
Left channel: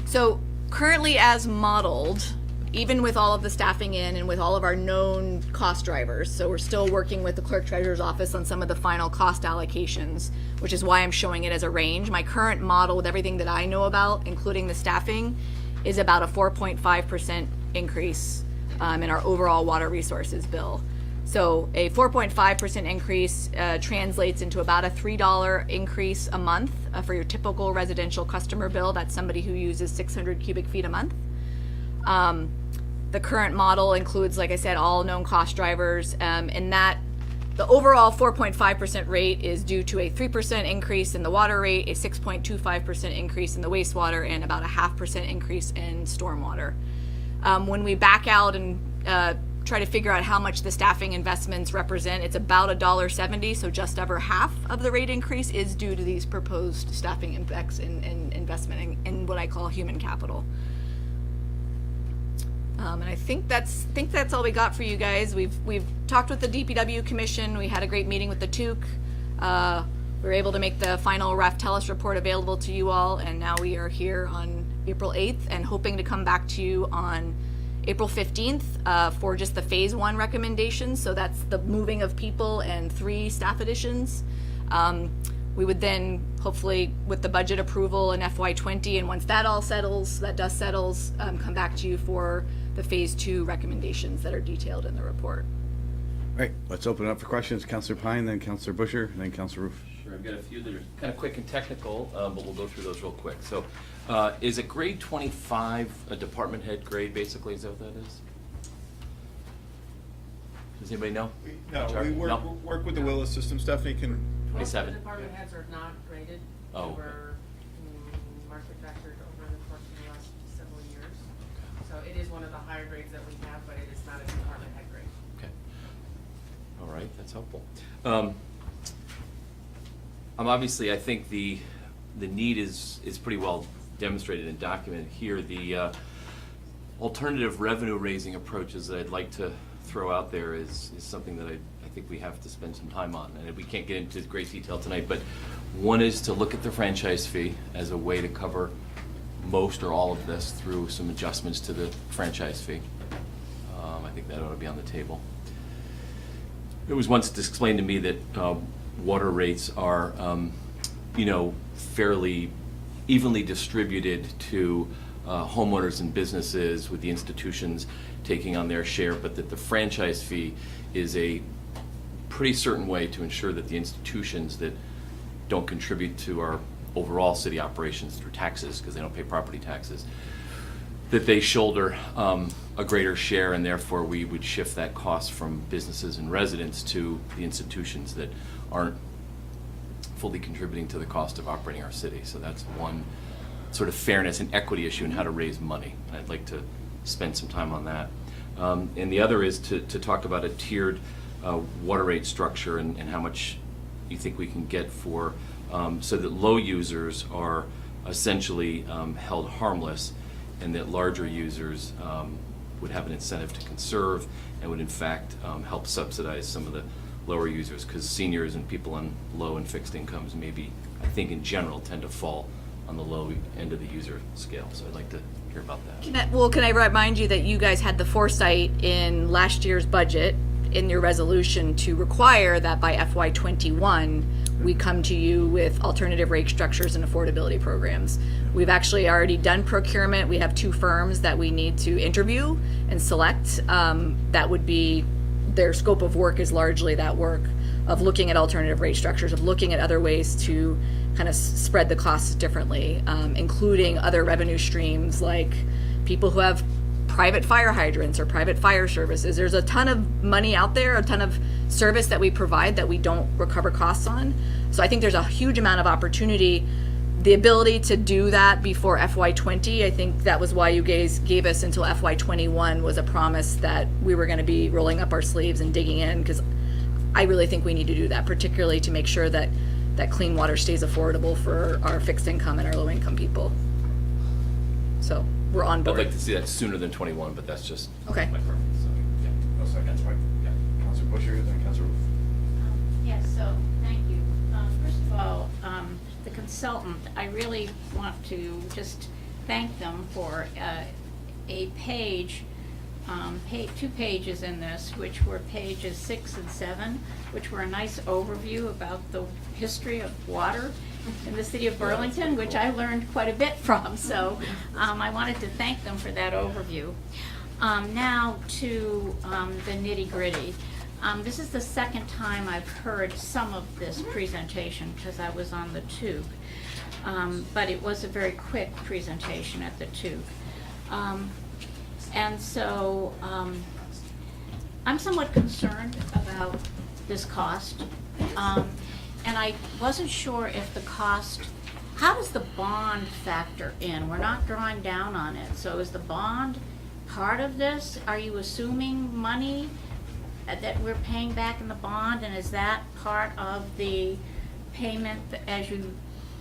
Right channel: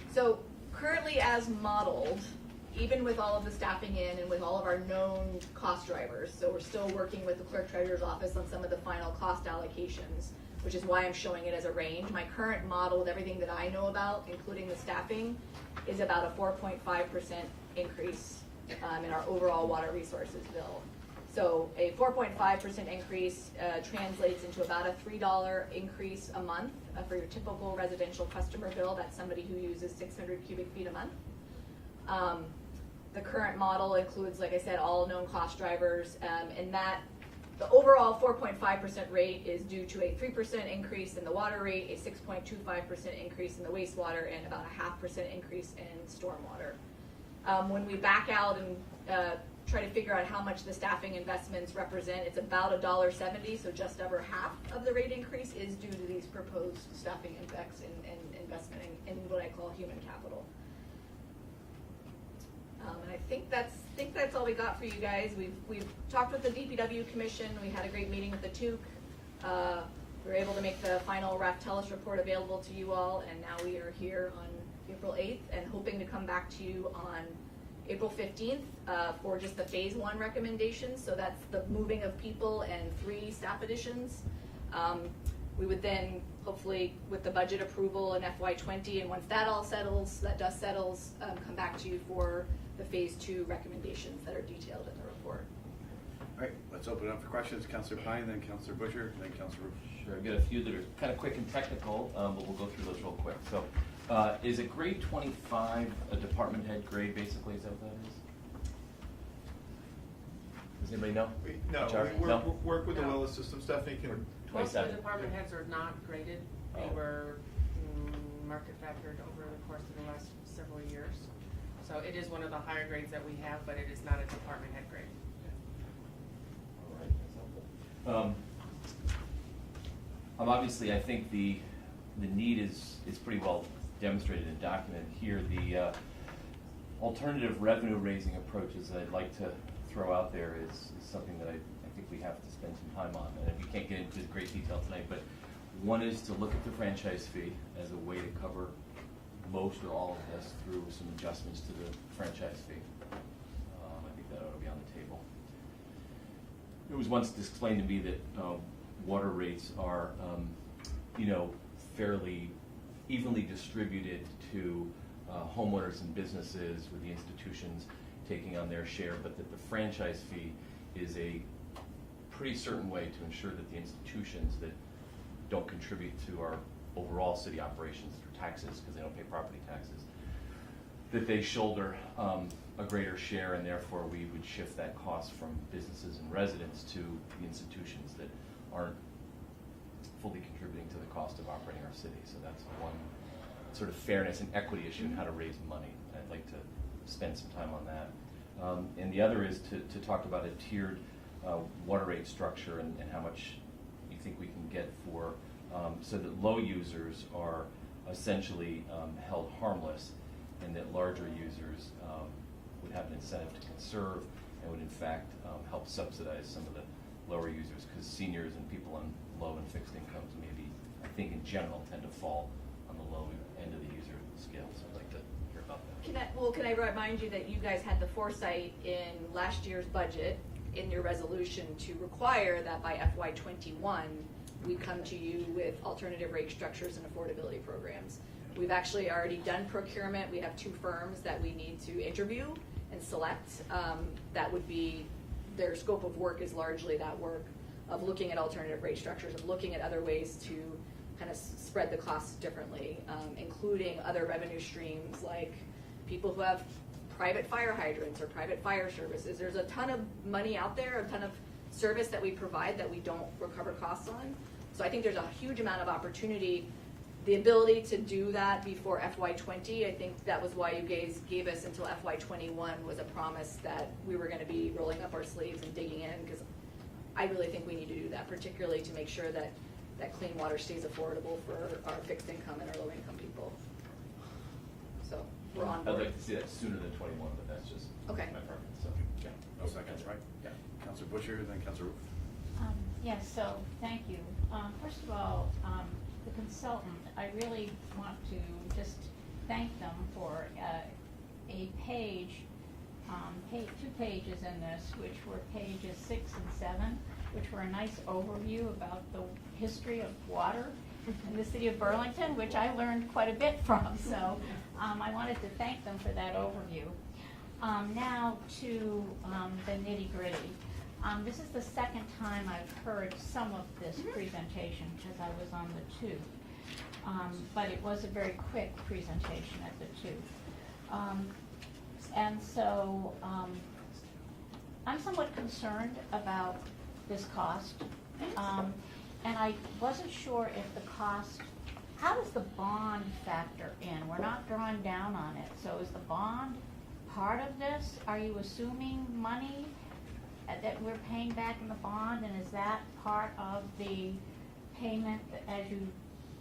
So currently as modeled, even with all of the staffing in and with all of our known cost drivers, so we're still working with the clerk treasurer's office on some of the final cost allocations, which is why I'm showing it as a range. My current model, with everything that I know about, including the staffing, is about a 4.5% increase in our overall water resources bill. So a 4.5% increase translates into about a $3 increase a month for your typical residential customer bill. That's somebody who uses 600 cubic feet a month. The current model includes, like I said, all known cost drivers, and that the overall 4.5% rate is due to a 3% increase in the water rate, a 6.25% increase in the wastewater, and about a 0.5% increase in stormwater. When we back out and try to figure out how much the staffing investments represent, it's about $1.70, so just over half of the rate increase is due to these proposed staffing impacts and investment in what I call human capital. And I think that's all we got for you guys. We've talked with the DPW Commission. We had a great meeting with the TUC. We were able to make the final Raftellus report available to you all, and now we are here on April 8th and hoping to come back to you on April 15th for just the phase 1 recommendations. So that's the moving of people and 3 staff additions. We would then hopefully, with the budget approval in FY20, and once that all settles, that dust settles, come back to you for the phase 2 recommendations that are detailed in the report. All right, let's open it up for questions. Councilor Pine, then Councilor Busher, and then Councilor Roof. Sure, I've got a few that are kind of quick and technical, but we'll go through those real quick. So, is a grade 25 a department head grade, basically? Is that what that is? Does anybody know? No, HR? we work with the Willis system. Stephanie can. Most of 27. the department heads are not graded. Oh. They were market factored over the course of the last several years. So it is one of the higher grades that we have, but it is not a department head grade. Okay. All right, that's helpful. Obviously, I think the need is pretty well demonstrated and documented here. The alternative revenue raising approaches that I'd like to throw out there is something that I think we have to spend some time on, and we can't get into great detail tonight, but one is to look at the franchise fee as a way to cover most or all of this through some adjustments to the franchise fee. I think that ought to be on the table. It was once explained to me that water rates are, fairly evenly distributed to homeowners and businesses, with the institutions taking on their share, but that the franchise fee is a pretty certain way to ensure that the institutions that don't contribute to our overall city operations through taxes, because they don't pay property taxes, that they shoulder a greater share, and therefore we would shift that cost from businesses and residents to the institutions that aren't fully contributing to the cost of operating our city. So that's one sort of fairness and equity issue in how to raise money. And I'd like to spend some time on that. And the other is to talk about a tiered water rate structure and how much you think we can get for, so that low users are essentially held harmless, and that larger users would have an incentive to conserve and would in fact help subsidize some of the lower users, because seniors and people on low and fixed incomes maybe, I think in general, tend to fall on the low end of the user scale. So I'd like to hear about that. Can I remind you that you guys had the foresight in last year's budget, in your resolution, to require that by FY21 we come to you with alternative rate structures and affordability programs. We've actually already done procurement. We have 2 firms that we need to interview and select. That would be, their scope of work is largely that work of looking at alternative rate structures, of looking at other ways to kind of spread the costs differently, including other revenue streams like people who have private fire hydrants or private fire services. There's a ton of money out there, a ton of service that we provide that we don't recover costs on. So I think there's a huge amount of opportunity. The ability to do that before FY20, I think that was why you guys gave us until FY21, was a promise that we were going to be rolling up our sleeves and digging in, because I really think we need to do that, particularly to make sure that clean water stays affordable for our fixed income and our low income people. So we're on board. I'd like to see that sooner than 21, but that's just Okay. my preference. So, yeah. No second, right? Yeah. Councilor Busher, then Councilor Roof. Yes, so, thank you. First of all, the consultant, I really want to just thank them for a page, 2 pages in this, which were pages 6 and 7, which were a nice overview about the history of water in the city of Burlington, which I learned quite a bit from. So I wanted to thank them for that overview. Now to the nitty-gritty. This is the second time I've heard some of this presentation, because I was on the tube. But it was a very quick presentation at the tube. And so I'm somewhat concerned about this cost. And I wasn't sure if the cost, how does the bond factor in? We're not drawing down on it. So is the bond part of this? Are you assuming money that we're paying back in the bond, and is that part of the payment as you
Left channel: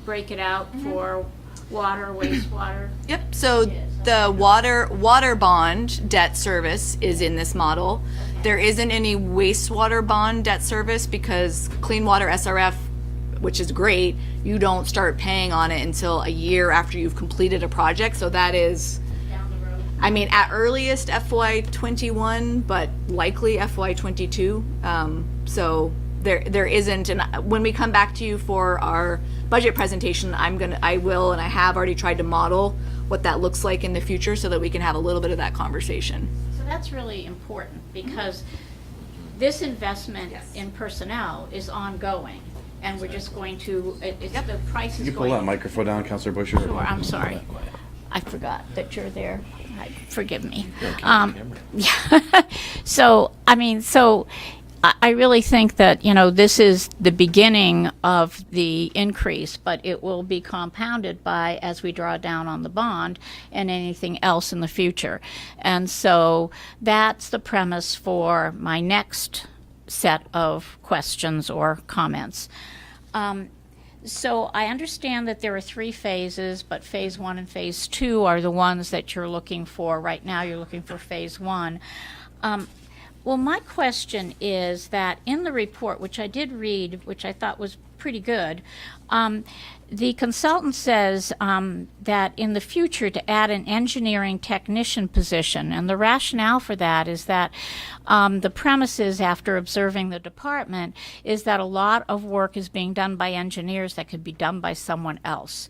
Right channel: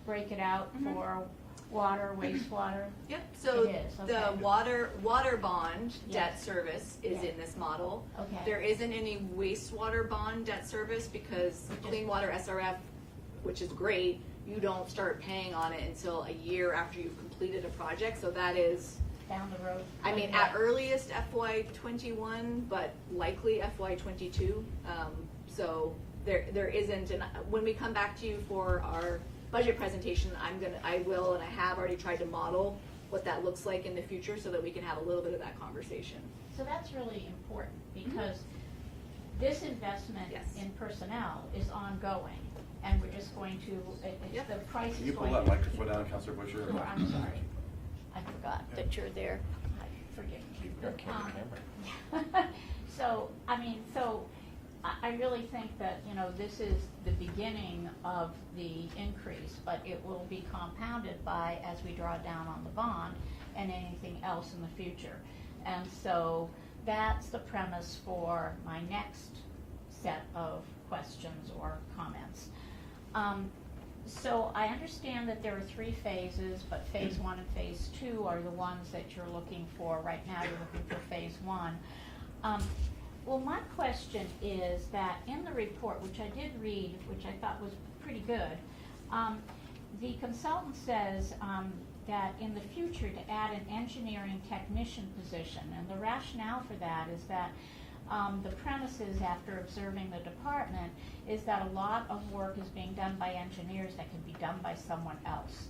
break it out for water, wastewater? Yep, so It is, the okay. water bond debt service is in this model. Okay. There isn't any wastewater bond debt service, because Clean Water SRF, which is great, you don't start paying on it until a year after you've completed a project. So that is, Down the road? I mean, at earliest FY21, but likely FY22. So there isn't, and when we come back to you for our budget presentation, I will, and I have already tried to model what that looks like in the future, so that we can have a little bit of that conversation. So that's really important, because this investment Yes. in personnel is ongoing, and we're just going to, the price Can is you pull going. that microphone down, Councilor Busher? Sure, I'm sorry. I forgot that you're there. Forgive me. Yeah. So, I really think that, this is the beginning of the increase, but it will be compounded by, as we draw down on the bond and anything else in the future. And so that's the premise for my next set of questions or comments. So I understand that there are 3 phases, but phase 1 and phase 2 are the ones that you're looking for. Right now, you're looking for phase 1. Well, my question is that in the report, which I did read, which I thought was pretty good, the consultant says that in the future to add an engineering technician position, and the rationale for that is that the premise is, after observing the department, is that a lot of work is being done by engineers that could be done by someone else.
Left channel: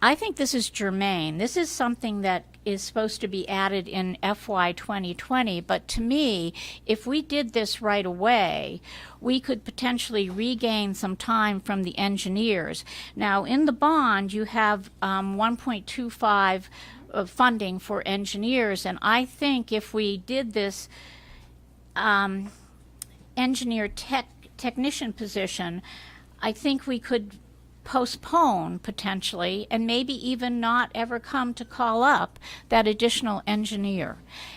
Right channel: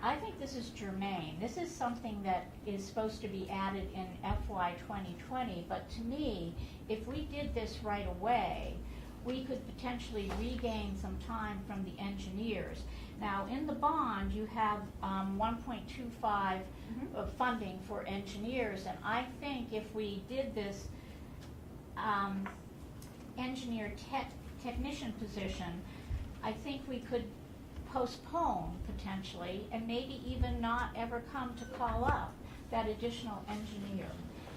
I think this is germane. This is something that is supposed to be added in FY 2020, but to me, if we did this right away, we could potentially regain some time from the engineers. Now, in the bond, you have 1.25 of funding for engineers, and I think if we did this engineer technician position, I think we could postpone potentially and maybe even not ever come to call up that additional engineer.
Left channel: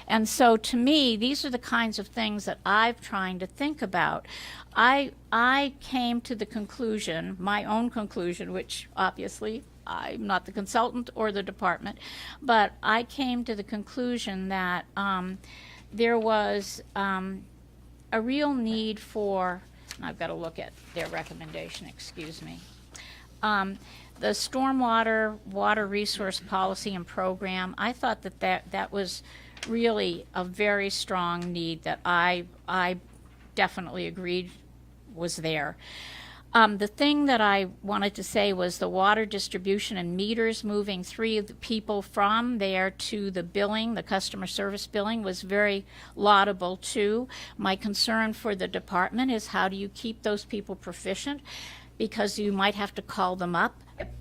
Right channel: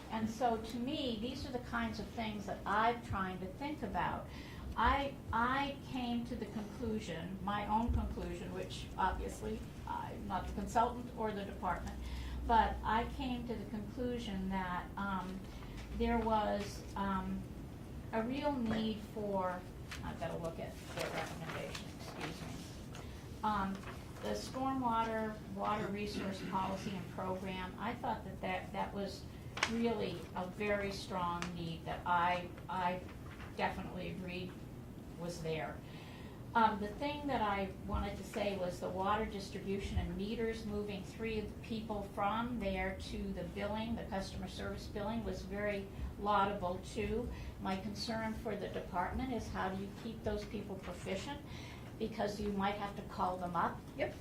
And so to me, these are the kinds of things that I'm trying to think about. I came to the conclusion, my own conclusion, which obviously I'm not the consultant or the department, but I came to the conclusion that there was a real need for, I've got to look at their recommendation, excuse me. The stormwater, water resource policy and program, I thought that was really a very strong need that I definitely agreed was there. The thing that I wanted to say was the water distribution and meters, moving 3 of the people from there to the billing, the customer service billing, was very laudable too. My concern for the department is, how do you keep those people proficient? Because you might have to call them up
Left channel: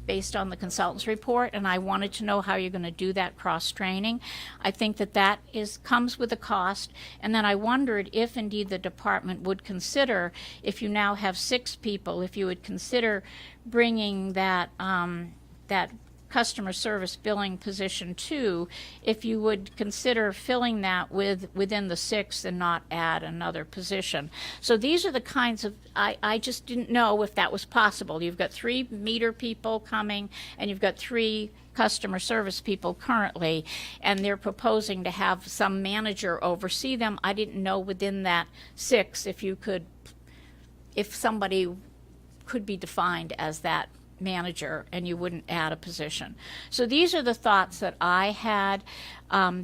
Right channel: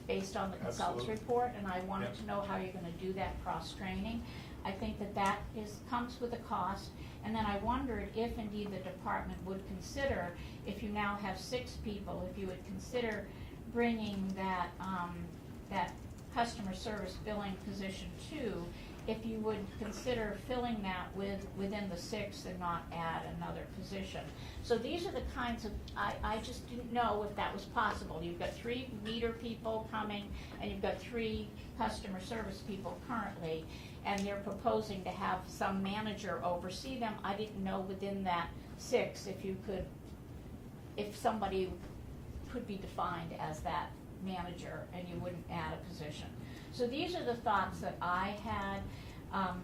based on the consultant's report, and I wanted to know how you're going to do that cross-training. I think that comes with a cost, and then I wondered if indeed the department would consider, if you now have 6 people, if you would consider bringing that customer service billing position too, if you would consider filling that within the 6 and not add another position. So these are the kinds of, I just didn't know if that was possible. You've got 3 meter people coming, and you've got 3 customer service people currently, and they're proposing to have some manager oversee them. I didn't know within that 6 if somebody could be defined as that manager and you wouldn't add a position. So these are the thoughts that I had.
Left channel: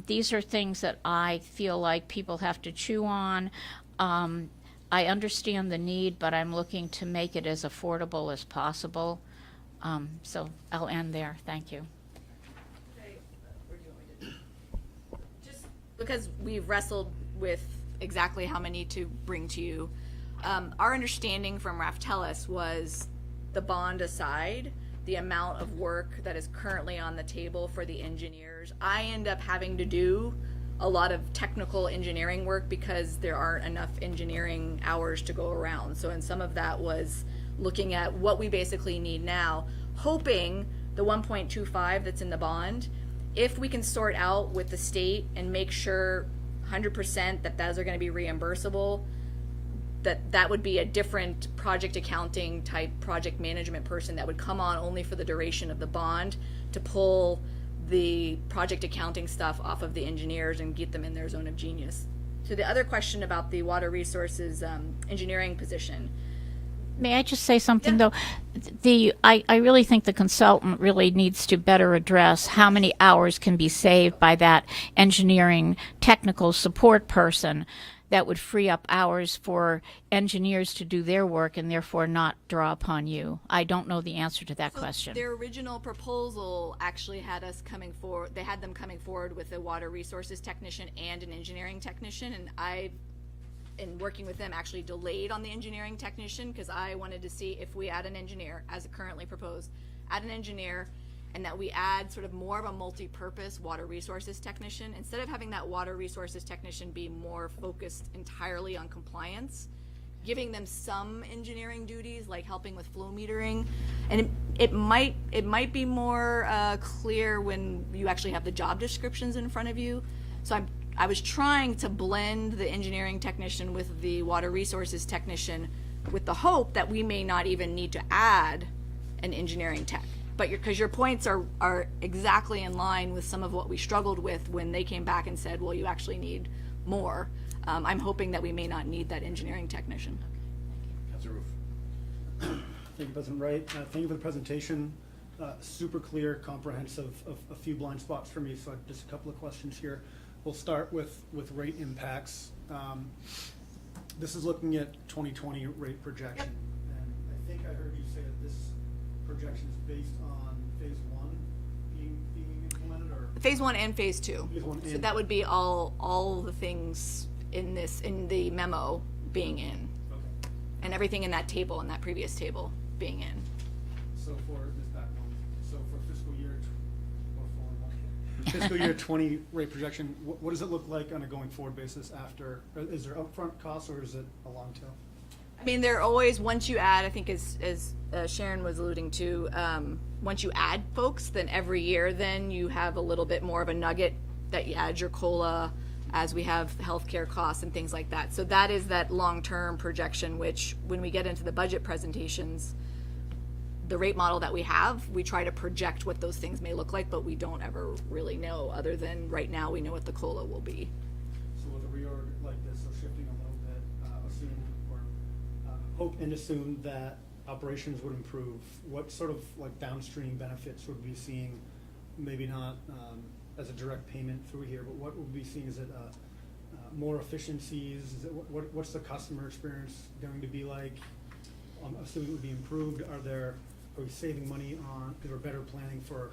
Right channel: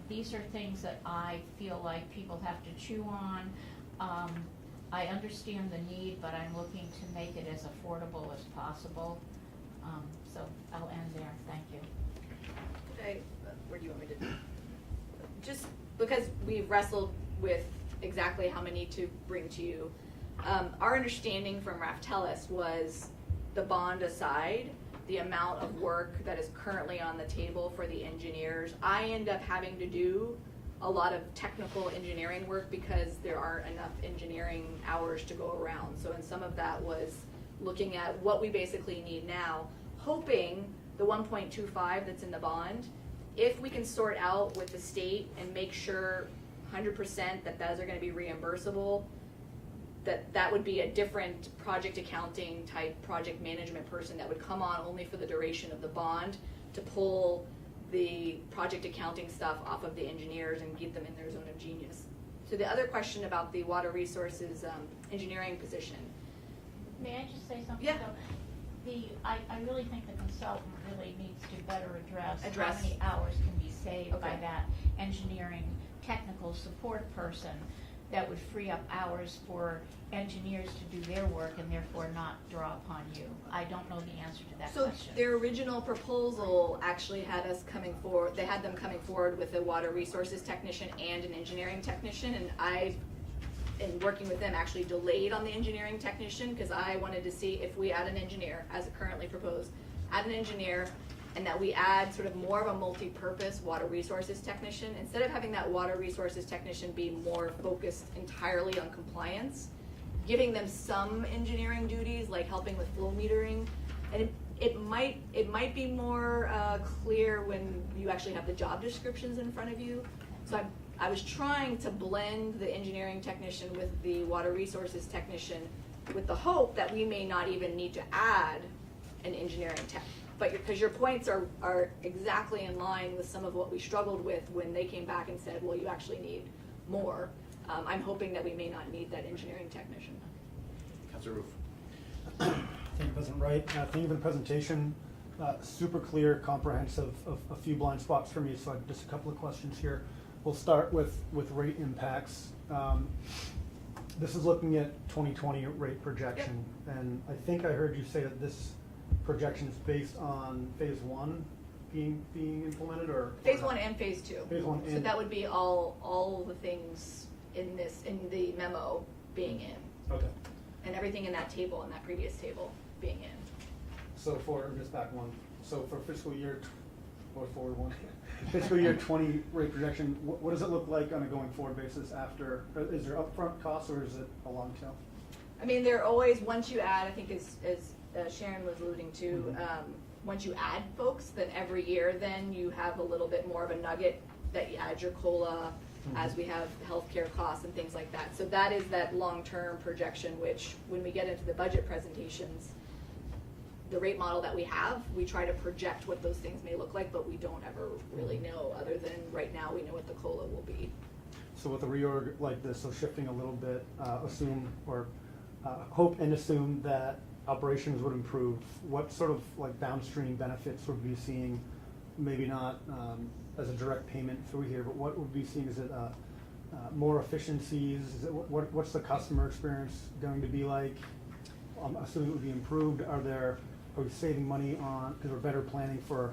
These are things that I feel like people have to chew on. I understand the need, but I'm looking to make it as affordable as possible. So I'll end there. Thank you. Okay, where do you want me to? Just because we've wrestled with exactly how many to bring to you, our understanding from Raftellus was, the bond aside, the amount of work that is currently on the table for the engineers, I end up having to do a lot of technical engineering work because there aren't enough engineering hours to go around. So, and some of that was looking at what we basically need now, hoping the 1.25 that's in the bond, if we can sort out with the state and make sure 100% that those are going to be reimbursable, that would be a different project accounting type project management person that would come on only for the duration of the bond to pull the project accounting stuff off of the engineers and get them in their zone of genius. So the other question about the water resources engineering position. May I just say something, Yeah. though? I really think the consultant really needs to better address how many hours can be saved by that engineering technical support person that would free up hours for engineers to do their work and therefore not draw upon you. I don't know the answer to that question. Their original proposal actually had us coming forward, they had them coming forward with a water resources technician and an engineering technician, and I, in working with them, actually delayed on the engineering technician because I wanted to see if we add an engineer, as currently proposed, add an engineer, and that we add sort of more of a multi-purpose water resources technician. Instead of having that water resources technician be more focused entirely on compliance, giving them some engineering duties like helping with flow metering, and it might be more clear when you actually have the job descriptions in front of you. So I was trying to blend the engineering technician with the water resources technician with the hope that we may not even need to add an engineering tech. But because your points are exactly in line with some of what we struggled with when they came back and said, well, you actually need more. I'm hoping that we may not need that engineering technician. Councilor Roof. Thank you, President Wright. Thank you for the presentation. Super clear, comprehensive, a few blind spots for me, so just a couple of questions here. We'll start with rate impacts. This is looking at 2020 rate projection, and I think I heard you say that this projection is based on phase one being implemented, or? Phase one and phase two. Phase one So and- that would be all the things in the memo being in, Okay, and everything in that table, in that previous table being in. so for, just back one, so for fiscal year, or forward one, fiscal year 20 rate projection, what does it look like on a going forward basis after, is there upfront costs or is it a long tail? I mean, they're always, once you add, I think as Sharon was alluding to, once you add folks, then every year, then you have a little bit more of a nugget that you add your COLA as we have healthcare costs and things like that. So that is that long-term projection, which when we get into the budget presentations, the rate model that we have, we try to project what those things may look like, but we don't ever really know, other than right now we know what the COLA will be. So with a reorg like this, so shifting a little bit, assume or hope and assume that operations would improve, what sort of like downstream benefits would we be seeing? Maybe not as a direct payment through here, but what would we be seeing? Is it more efficiencies? Is it, what's the customer experience going to be like? I'm assuming it would be improved. Are we saving money on, because we're better planning for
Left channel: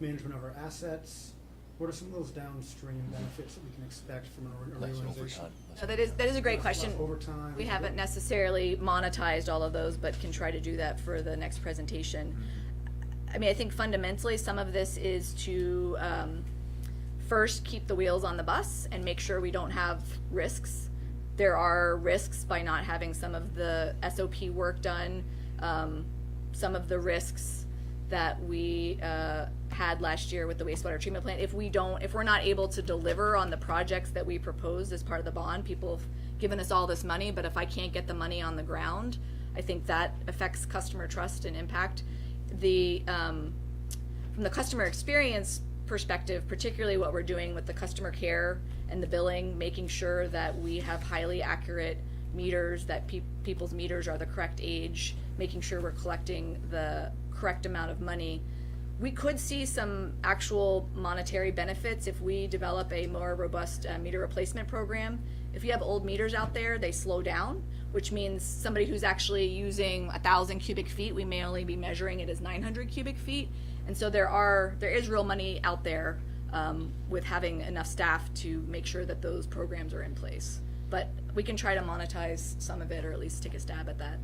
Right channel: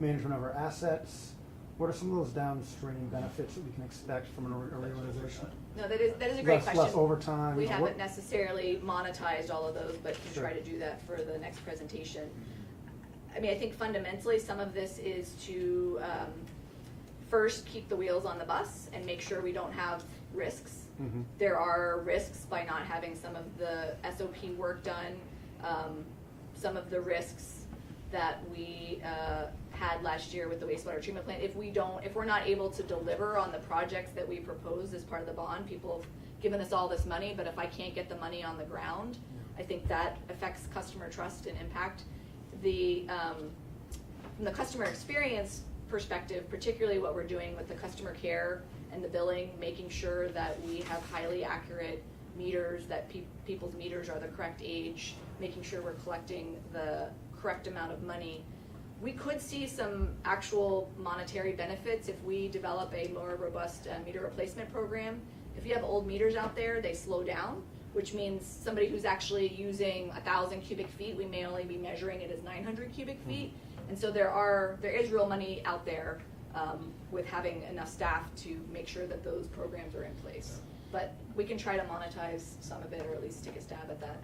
management of our assets? What are some of those downstream benefits that we can expect from a reorganization? No, that is a great question. Less overtime? We What- haven't necessarily monetized all of those, but can try to do that for the next presentation. I mean, I think fundamentally, some of this is to first keep the wheels on the bus and make sure we don't have risks. Mhm. There are risks by not having some of the SOP work done, some of the risks that we had last year with the wastewater treatment plant. If we're not able to deliver on the projects that we proposed as part of the bond, people have given us all this money, but if I can't get the money on the ground, I think that affects customer trust and impact. From the customer experience perspective, particularly what we're doing with the customer care and the billing, making sure that we have highly accurate meters, that people's meters are the correct age, making sure we're collecting the correct amount of money. We could see some actual monetary benefits if we develop a more robust meter replacement program. If you have old meters out there, they slow down, which means somebody who's actually using 1,000 cubic feet, we may only be measuring it as 900 cubic feet. And so there is real money out there with having enough staff to make sure that those programs are in place. But we can try to monetize some of it, or at least take a stab at that.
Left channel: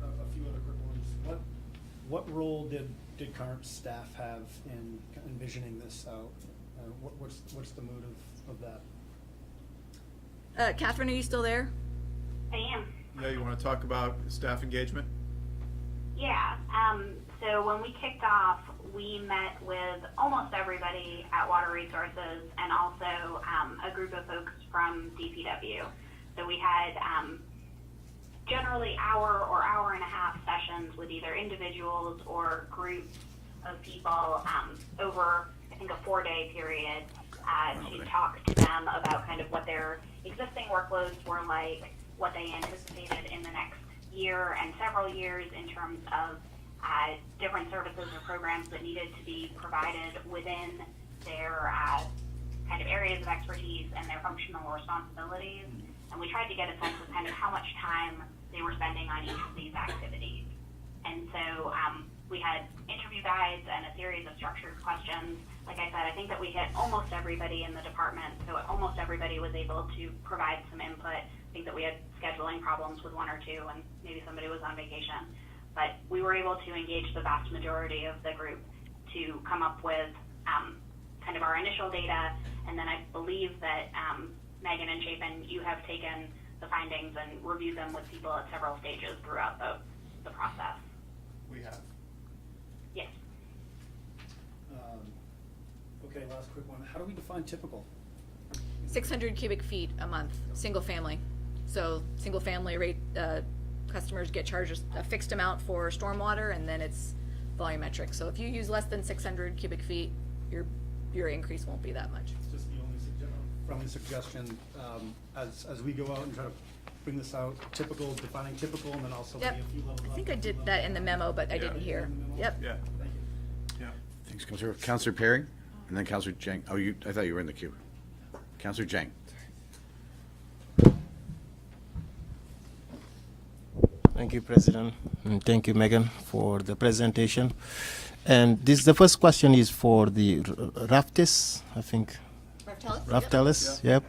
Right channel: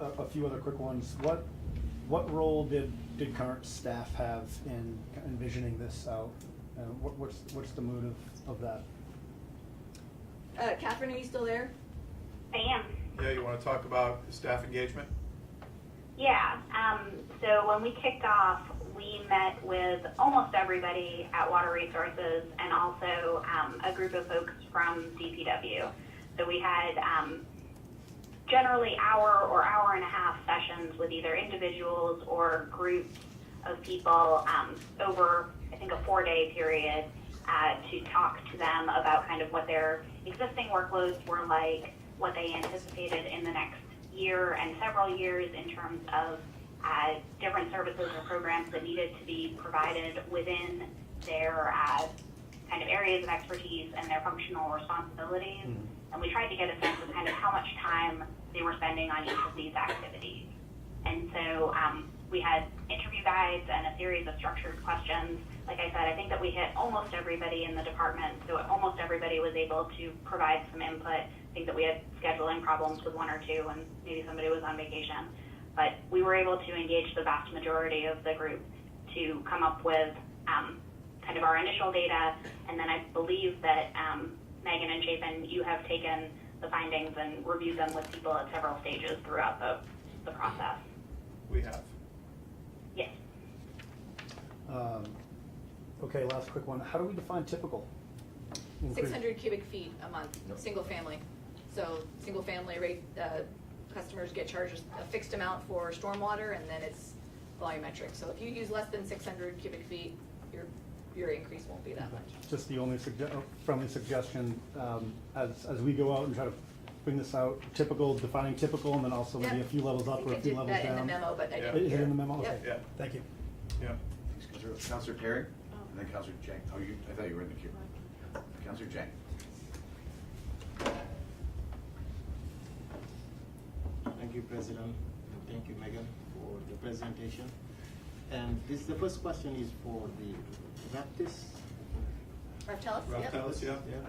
A few other quick ones. What role did current staff have in envisioning this out? What's the motive of that? Catherine, are you still there? I am. Yeah, you want to talk about staff engagement? Yeah. So when we kicked off, we met with almost everybody at Water Resources and also a group of folks from DPW. So we had generally hour or hour and a half sessions with either individuals or groups of people over, I think, a 4-day period to talk to them about kind of what their existing workloads were like, what they anticipated in the next year and several years in terms of different services or programs that needed to be provided within their kind of areas of expertise and their functional responsibilities. And we tried to get a sense of kind of how much time they were spending on each of these activities. And so we had interview guides and a series of structured questions. Like I said, I think that we hit almost everybody in the department, so almost everybody was able to provide some input. I think that we had scheduling problems with one or two, and maybe somebody was on vacation. But we were able to engage the vast majority of the group to come up with kind of our initial data, and then I believe that Megan and Chapin, you have taken the findings and reviewed them with people at several stages throughout the process. We have. Yes. Okay, last quick one. How do we define typical? 600 cubic feet a month, single family. So single family rate, customers get charged a fixed amount for stormwater, and then it's volumetric. So if you use less than 600 cubic feet, your increase won't be that much. Just the only friendly suggestion, as we go out and try to bring this out, defining typical, and then also maybe a Yep. few levels I up think or I a few did levels that in the down. memo, but I didn't Is it hear. in the memo? Yep. Yeah. Thank you. Yeah. Thanks, Counselor Perry, and then Counselor Chang. Oh, I thought you were in the queue. Counselor Chang. Thank you, President, and thank you, Megan, for the presentation. And the first question is for the Raftis, I think. Raftalis, yep.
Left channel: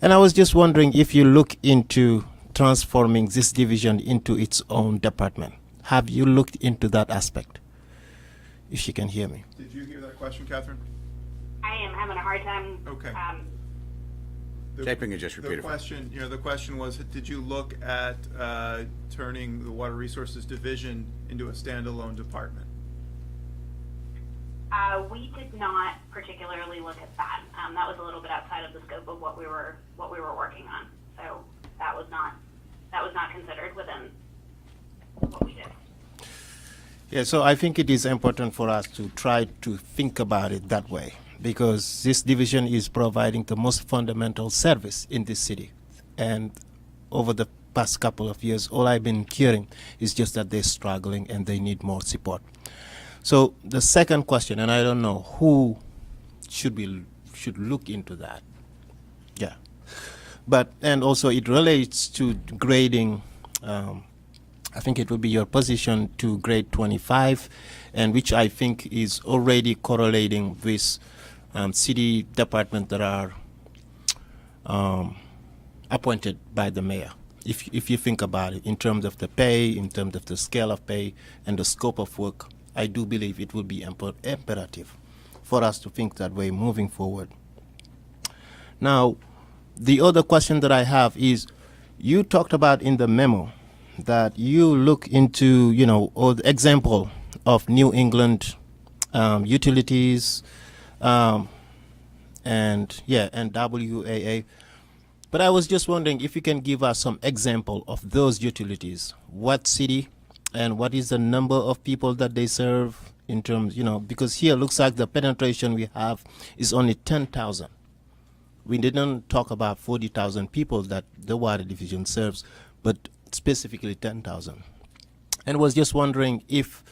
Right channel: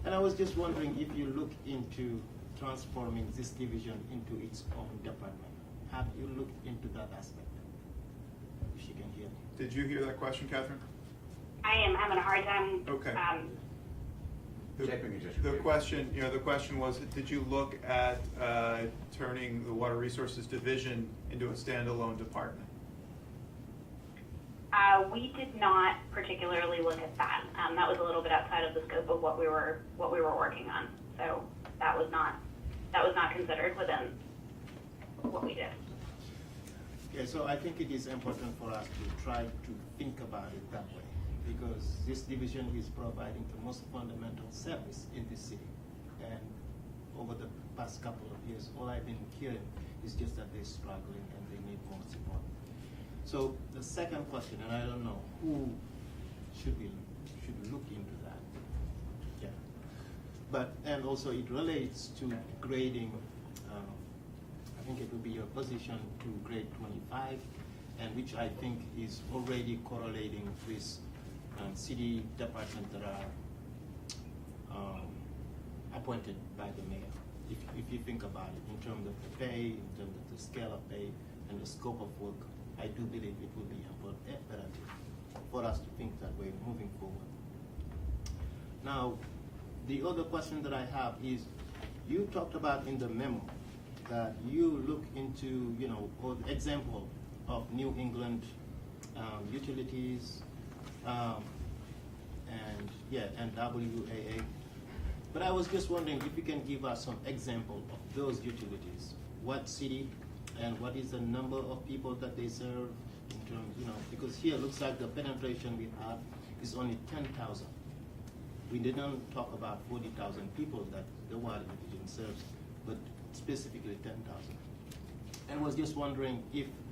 And I was just wondering if you look into transforming this division into its own department. Have you looked into that aspect? If you can hear me. Did you hear that question, Catherine? I am having a hard time. Okay. Shaping it, just repeat it. The question was, did you look at turning the Water Resources Division into a standalone department? We did not particularly look at that. That was a little bit outside of the scope of what we were working on. So that was not considered within what we did. Yeah, so I think it is important for us to try to think about it that way, because this division is providing the most fundamental service in this city. And over the past couple of years, all I've been hearing is just that they're struggling and they need more support. So the second question, and I don't know who should look into that. Yeah. And also it relates to grading. I think it would be your position to grade 25, and which I think is already correlating with city departments that are appointed by the mayor. If you think about it, in terms of the pay, in terms of the scale of pay, and the scope of work, I do believe it will be imperative for us to think that way moving forward. Now, the other question that I have is, you talked about in the memo that you look into, or the example of New England utilities, and WAA. But I was just wondering if you can give us some example of those utilities. What city and what is the number of people that they serve in terms, because here looks like the penetration we have is only 10,000. We didn't talk about 40,000 people that the water division serves, but specifically 10,000. And was just wondering if,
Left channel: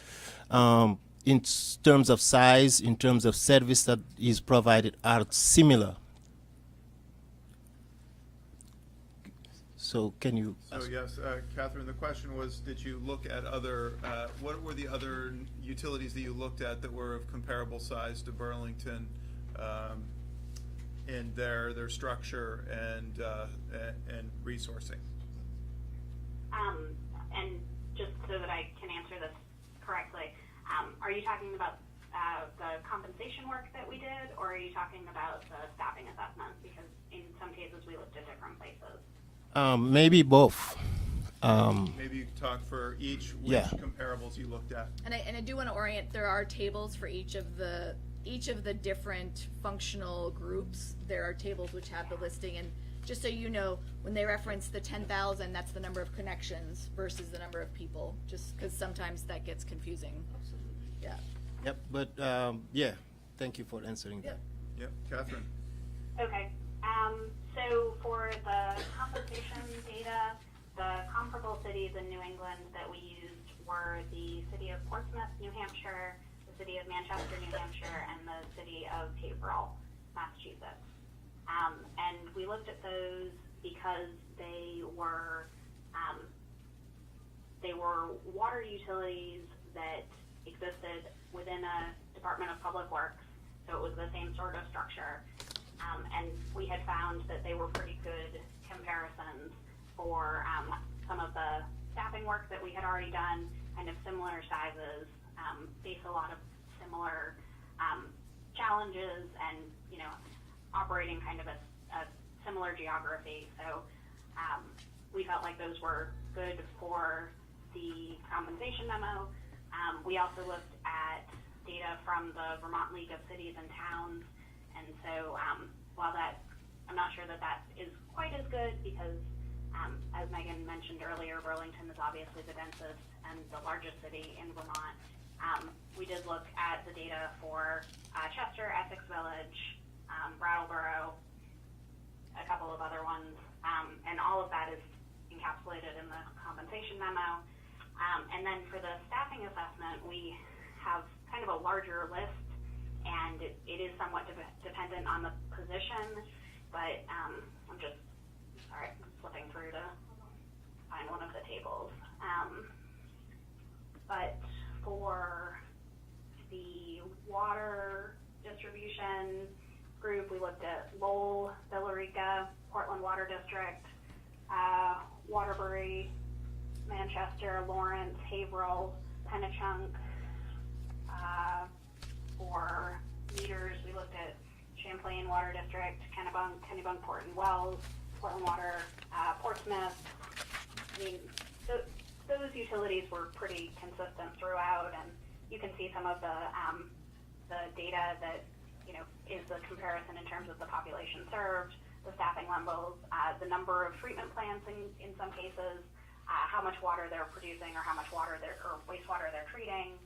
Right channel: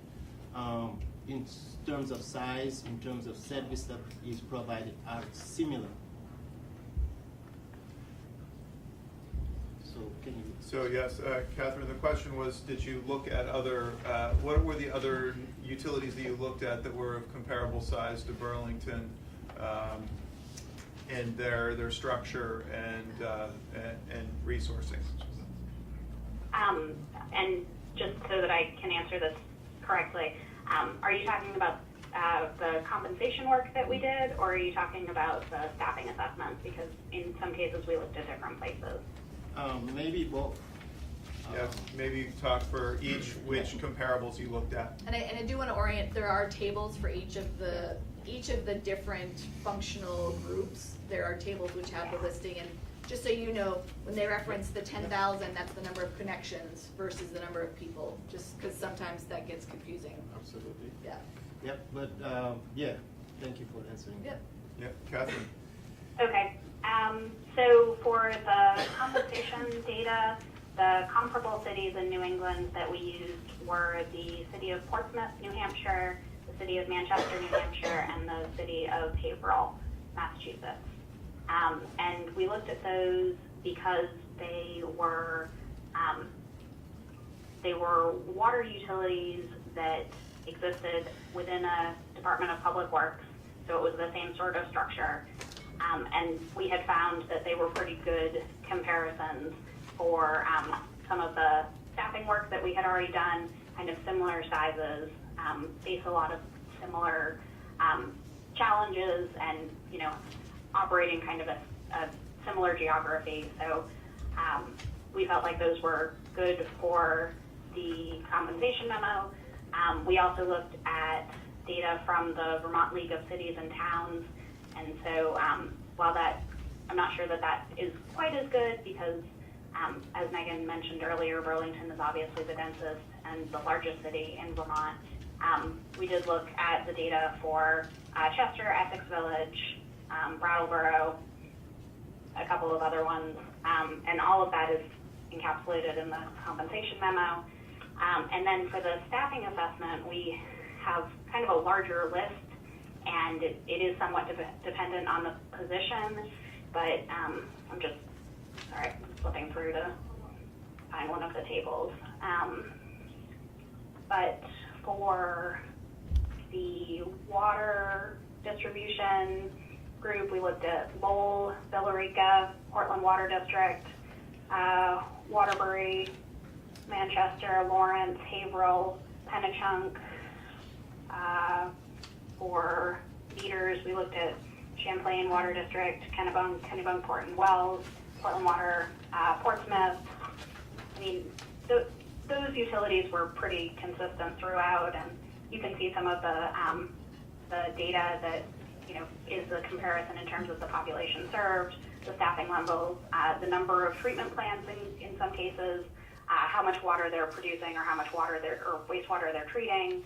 in terms of size, in terms of service that is provided, are similar. So can you? So yes, Catherine, the question was, did you look at what were the other utilities that you looked at that were of comparable size to Burlington in their structure and resourcing? And just so that I can answer this correctly, are you talking about the compensation work that we did, or are you talking about the staffing assessments? Because in some cases we looked at different places. Maybe both. Maybe talk for which comparables you looked at. And I do want to orient, there are tables for each of the different functional groups. There are tables which have the listing, and just so you know, when they reference the 10,000, that's the number of connections versus the number of people, just because sometimes that gets confusing. Absolutely. Yeah. Yep, but thank you for answering. Yep. Yep, Catherine. Okay. So for the compensation data, the comparable cities in New England that we used were the city of Portsmouth, New Hampshire, the city of Manchester, New Hampshire, and the city of Haverhill, Massachusetts. And we looked at those because they were water utilities that existed within a Department of Public Works, so it was the same sort of structure. And we had found that they were pretty good comparisons for some of the staffing work that we had already done, kind of similar sizes, face a lot of similar challenges, and operating kind of a similar geography. So we felt like those were good for the compensation memo. We also looked at data from the Vermont League of Cities and Towns. And so while I'm not sure that is quite as good, because as Megan mentioned earlier, Burlington is obviously the densest and the largest city in Vermont. We did look at the data for Chester, Essex Village, Brattleboro, a couple of other ones, and all of that is encapsulated in the compensation memo. And then for the staffing assessment, we have kind of a larger list, and it is somewhat dependent on the position, but I'm just, sorry, flipping through to find one of the tables. But for the water distribution group, we looked at Lowell, Billerica, Portland Water District, Waterbury, Manchester, Lawrence, Haverhill, Penachunk. For meters, we looked at Champlain Water District, Kennebunk, Port and Wells, Portland Water, Portsmouth. I mean, those utilities were pretty consistent throughout, and you can see some of the data that is the comparison in terms of the population served, the staffing levels, the number of treatment plants in some cases, how much water they're producing or how much water or wastewater they're treating.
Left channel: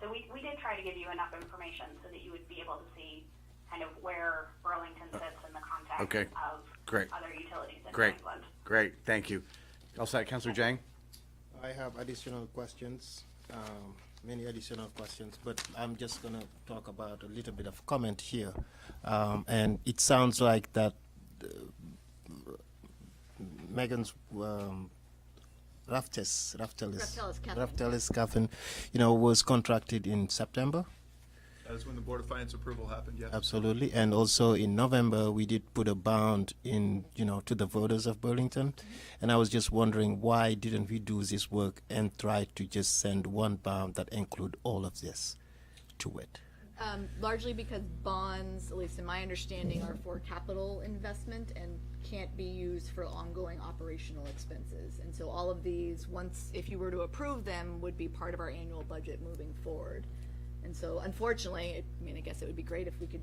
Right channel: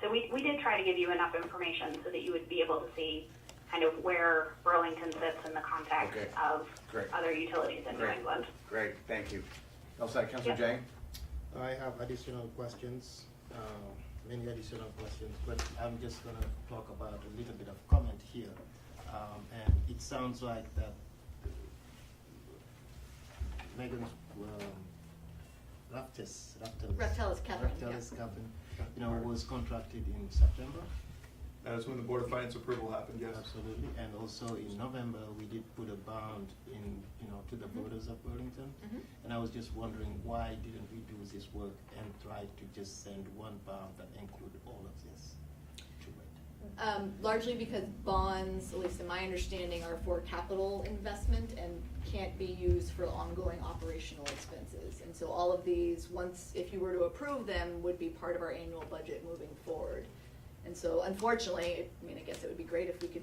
So we did try to give you enough information so that you would be able to see kind of where Burlington sits in the context of other utilities in New England. Great, thank you. All set, Councilor Jang? I have additional questions, many additional questions, but I'm just going to talk about a little bit of comment here. And it sounds like that Megan's Raftelis Catherine, was contracted in September. That is when the Board of Finance approval happened, yes. Absolutely, and also in November, we did put a bond in, to the voters of Burlington. Mm-hmm. And I was just wondering, why didn't we do this work and try to just send one bond that include all of this to it? Largely because bonds, at least in my understanding, are for capital investment and can't be used for ongoing operational expenses. And so all of these, if you were to approve them, would be part of our annual budget moving forward. And so unfortunately, I guess it would be great if we could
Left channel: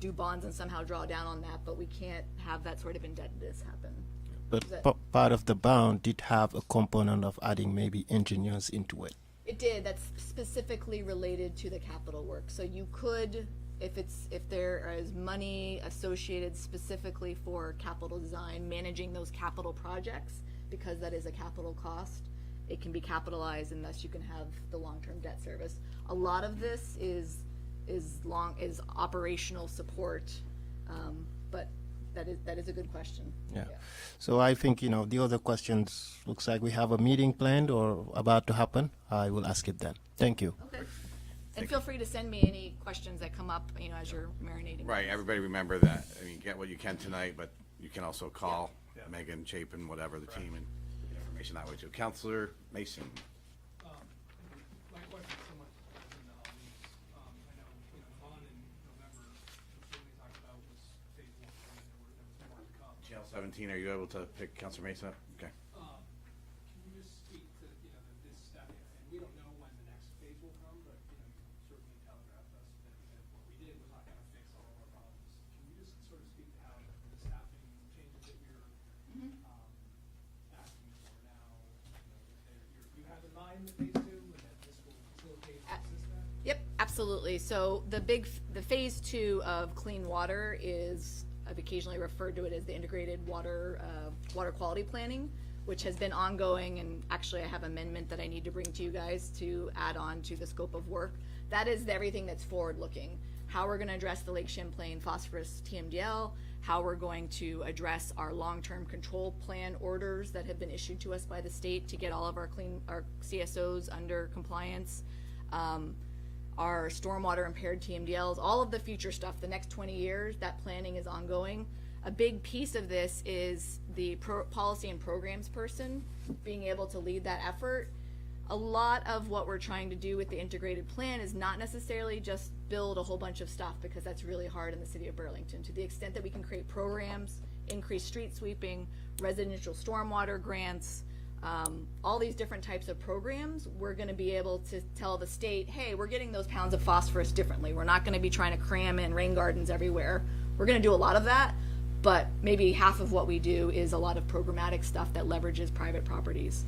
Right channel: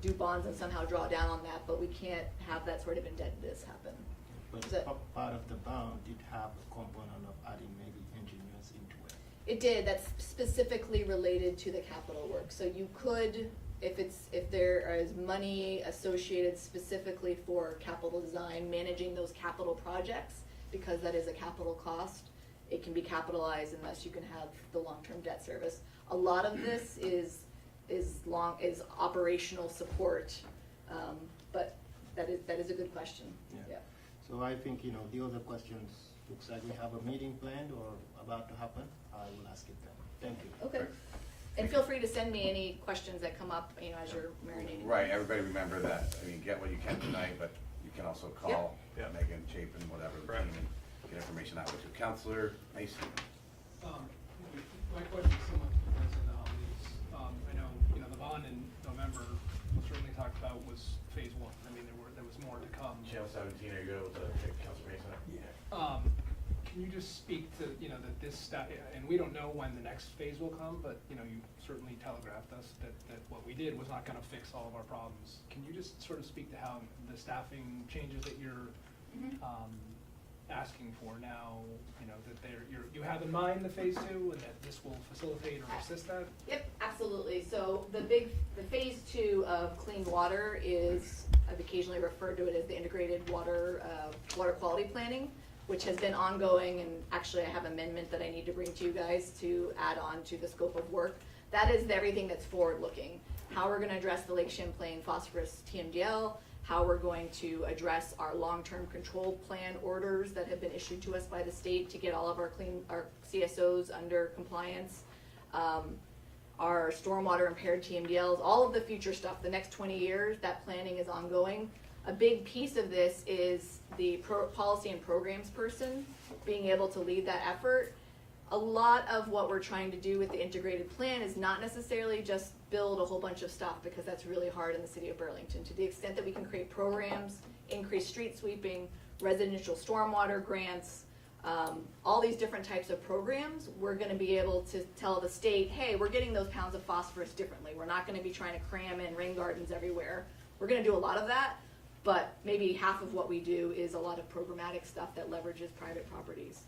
do bonds and somehow draw down on that, but we can't have that sort of indebtedness happen. But part of the bond did have a component of adding maybe engineers into it. It did. That's specifically related to the capital work. So you could, if there is money associated specifically for capital design, managing those capital projects, because that is a capital cost, it can be capitalized, and thus you can have the long-term debt service. A lot of this is operational support, but that is a good question. Yeah. So I think, the other questions, looks like we have a meeting planned or about to happen. I will ask it then. Thank you. Okay. And feel free to send me any questions that come up, as you're marinating. Right, everybody remember that. Get what you can tonight, but you can also call Yep. Megan, Chapin, whatever, the team, and get information that way too. Councilor Mason. My question is somewhat depends on the holidays. I know, the bond in November certainly talked about was phase one. There was more to come. Channel 17, are you able to pick Councilor Mason up? Okay. Can you just speak to, that this and we don't know when the next phase will come, but, you certainly telegraphed us that what we did was not gonna fix all of our problems. Can you just sort of speak to how the staffing changes that you're, asking for now, that you have in mind the phase two, and that this will facilitate or assist that? Yep, absolutely. So the phase two of clean water is, I've occasionally referred to it as the integrated water quality planning, which has been ongoing, and actually I have an amendment that I need to bring to you guys to add on to the scope of work. That is everything that's forward-looking. How we're gonna address the Lake Champlain phosphorus TMDL, how we're going to address our long-term control plan orders that have been issued to us by the state to get all of our CSOs under compliance, our stormwater impaired TMDLs, all of the future stuff, the next 20 years, that planning is ongoing. A big piece of this is the policy and programs person being able to lead that effort. A lot of what we're trying to do with the integrated plan is not necessarily just build a whole bunch of stuff, because that's really hard in the city of Burlington. To the extent that we can create programs, increase street sweeping, residential stormwater grants, all these different types of programs, we're gonna be able to tell the state, hey, we're getting those pounds of phosphorus differently. We're not gonna be trying to cram in rain gardens everywhere. We're gonna do a lot of that, but maybe half of what we do is a lot of programmatic stuff that leverages private properties.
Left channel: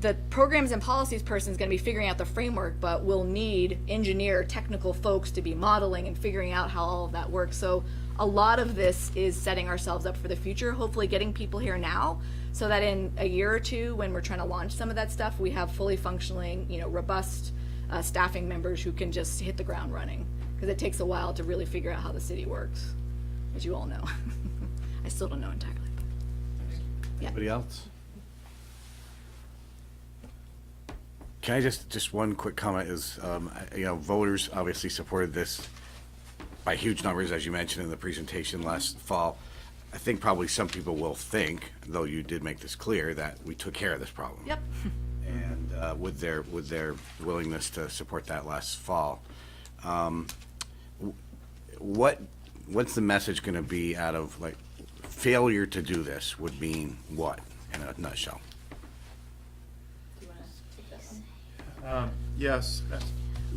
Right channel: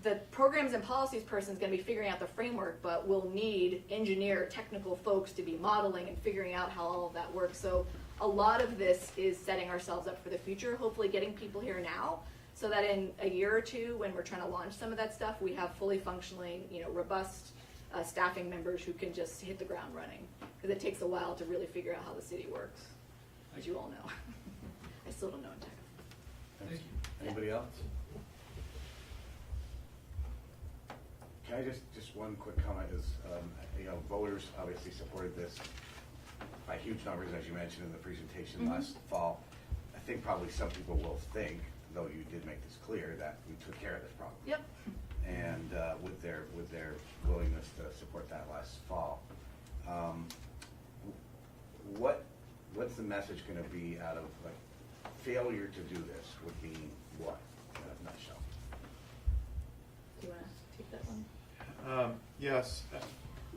the programs and policies person is going to be figuring out the framework, but we'll need engineer, technical folks to be modeling and figuring out how all of that works. So a lot of this is setting ourselves up for the future, hopefully getting people here now, so that in a year or two, when we're trying to launch some of that stuff, we have fully functioning, robust staffing members who can just hit the ground running. Because it takes a while to really figure out how the city works, as you all know. I still don't know entirely. Yeah. Anybody else? Can I just one quick comment is, voters obviously supported this by huge numbers, as you mentioned in the presentation last fall. I think probably some people will think, though you did make this clear, that we took care of this problem. Yep. And with their willingness to support that last fall, what's the message going to be out of, like, failure to do this would mean what in a nutshell? Do you want to take this one? Yes,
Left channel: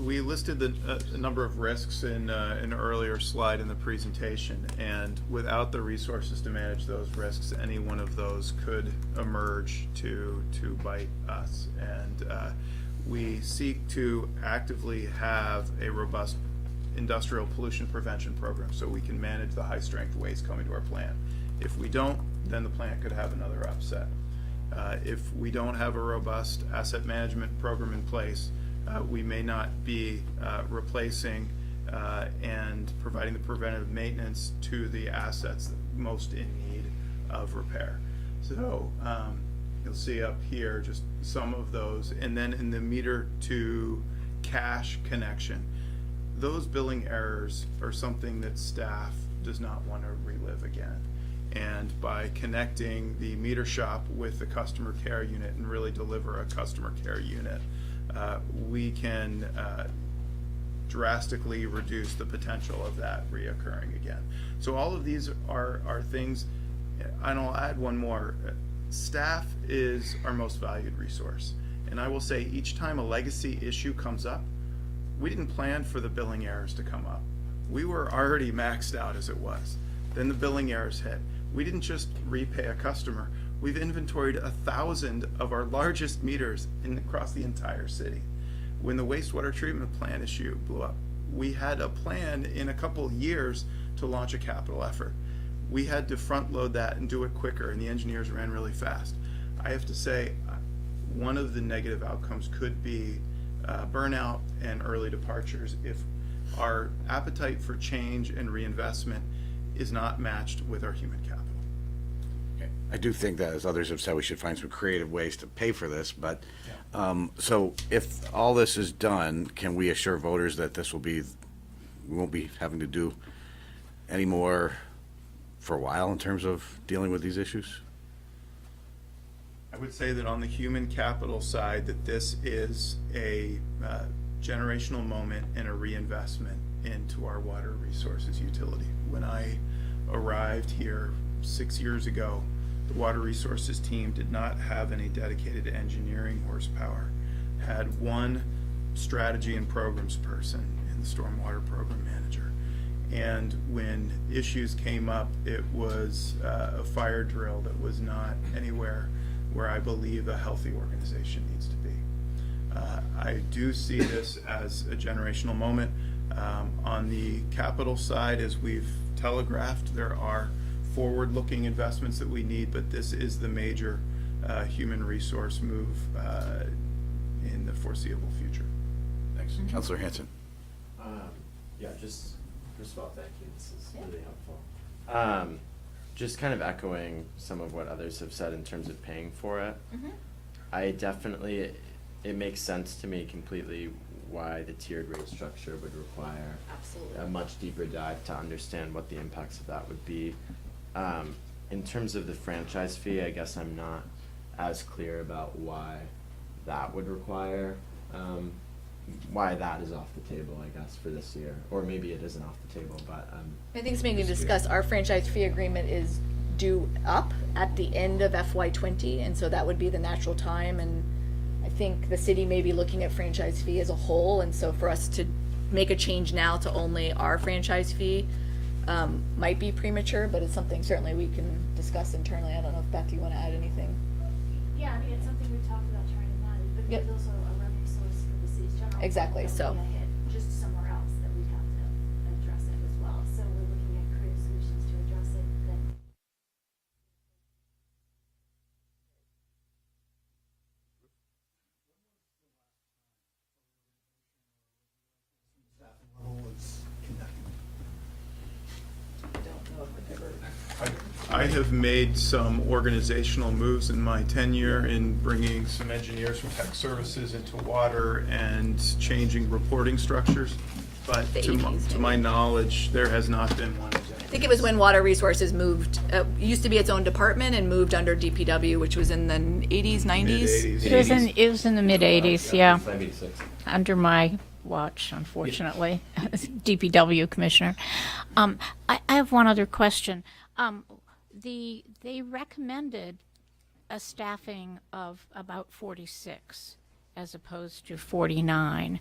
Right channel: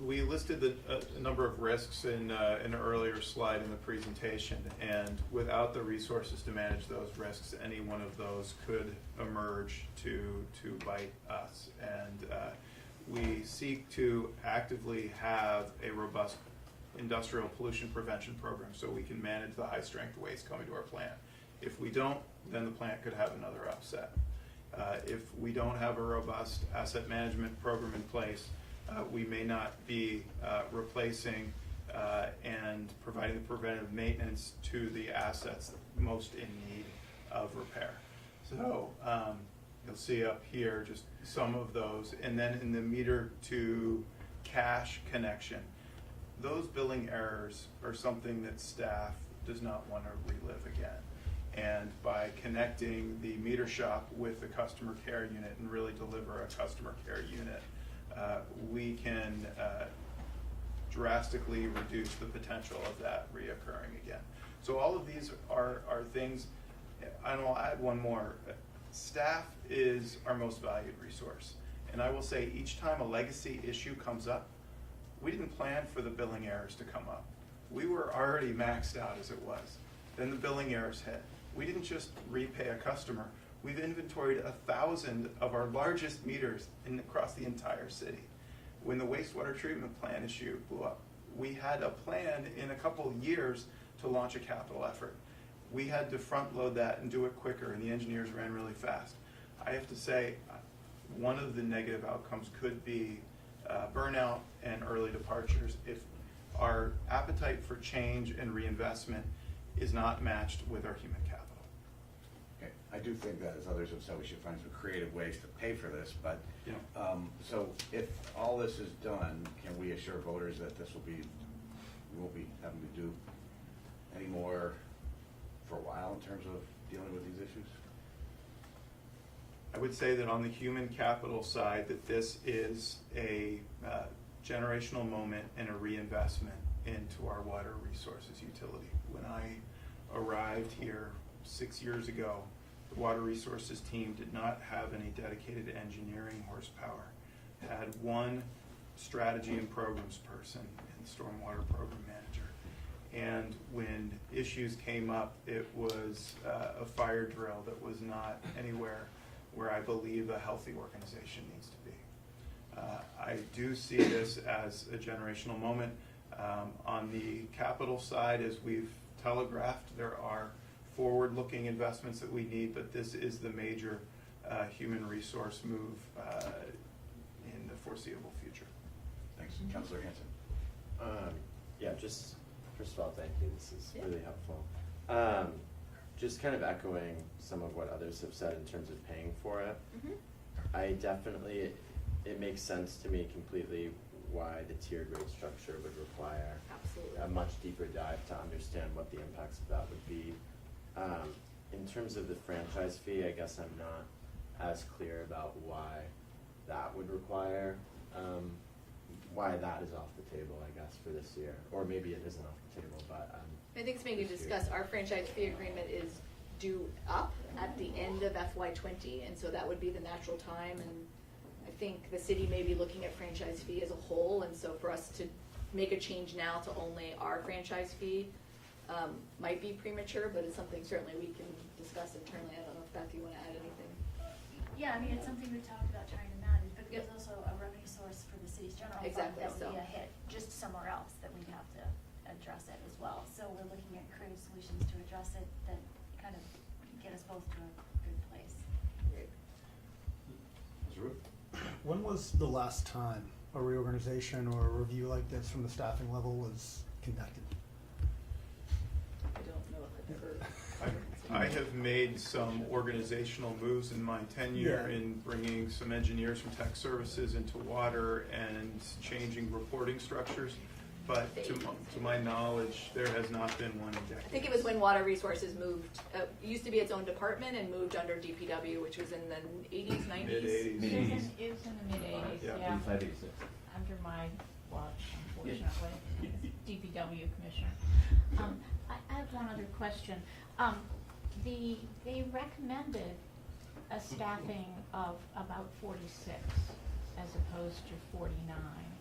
we listed a number of risks in an earlier slide in the presentation, and without the resources to manage those risks, any one of those could emerge to bite us. And we seek to actively have a robust industrial pollution prevention program so we can manage the high-strength waste coming to our plant. If we don't, then the plant could have another upset. If we don't have a robust asset management program in place, we may not be replacing and providing the preventive maintenance to the assets most in need of repair. So you'll see up here just some of those. And then in the meter to cash connection, those billing errors are something that staff does not want to relive again. And by connecting the meter shop with the customer care unit and really deliver a customer care unit, we can drastically reduce the potential of that reoccurring again. So all of these are things, and I'll add one more. Staff is our most valued resource. And I will say each time a legacy issue comes up, we didn't plan for the billing errors to come up. We were already maxed out as it was. Then the billing errors hit. We didn't just repay a customer. We've inventoried 1,000 of our largest meters across the entire city. When the wastewater treatment plant issue blew up, we had a plan in a couple years to launch a capital effort. We had to front load that and do it quicker, and the engineers ran really fast. I have to say, one of the negative outcomes could be burnout and early departures if our appetite for change and reinvestment is not matched with our human capital. Okay. I do think that, as others have said, we should find some creative ways to pay for this, but so if all this is done, can we assure voters that we won't be having to do any more for a while in terms of dealing with these issues? I would say that on the human capital side, that this is a generational moment and a reinvestment into our water resources utility. When I arrived here 6 years ago, the water resources team did not have any dedicated engineering horsepower, had one strategy and programs person and the stormwater program manager. And when issues came up, it was a fire drill that was not anywhere where I believe a healthy organization needs to be. I do see this as a generational moment. On the capital side, as we've telegraphed, there are forward-looking investments that we need, but this is the major human resource move in the foreseeable future. Thanks. Councilor Hanson. Yeah, just first of all, thank you. This is really helpful. Just kind of echoing some of what others have said in terms of paying for it. I definitely, it makes sense to me completely why the tiered rate structure would require a much deeper dive to understand what the impacts of that would be. In terms of the franchise fee, I guess I'm not as clear about why that would require, why that is off the table, I guess, for this year. Or maybe it isn't off the table, but I think something to discuss. Our franchise fee agreement is due up at the end of FY20, and so that would be the natural time. And I think the city may be looking at franchise fee as a whole, and so for us to make a change now to only our franchise fee might be premature, but it's something certainly we can discuss internally. I don't know if Beth, you want to add anything? Yeah, I mean, it's something we've talked about trying to It's also a revenue source for the city's general fund. Exactly, That so- would be a hit just somewhere else that we'd have to address it as well. So we're looking at creative solutions to address it that kind of get us both to a good place. When was the last time a reorganization or a review like this from the staffing level was conducted? I have made some organizational moves in my tenure in bringing some engineers from tech services into water and changing reporting structures. But The to 80s, my knowledge, there has not been one. I think it was when Water Resources moved, used to be its own department and moved under DPW, which was in the 80s, 90s. Mid-80s. It was in the mid-eighties, yeah, 586. under my watch, unfortunately, as DPW commissioner. I have one other question. They recommended a staffing of about 46 as opposed to 49.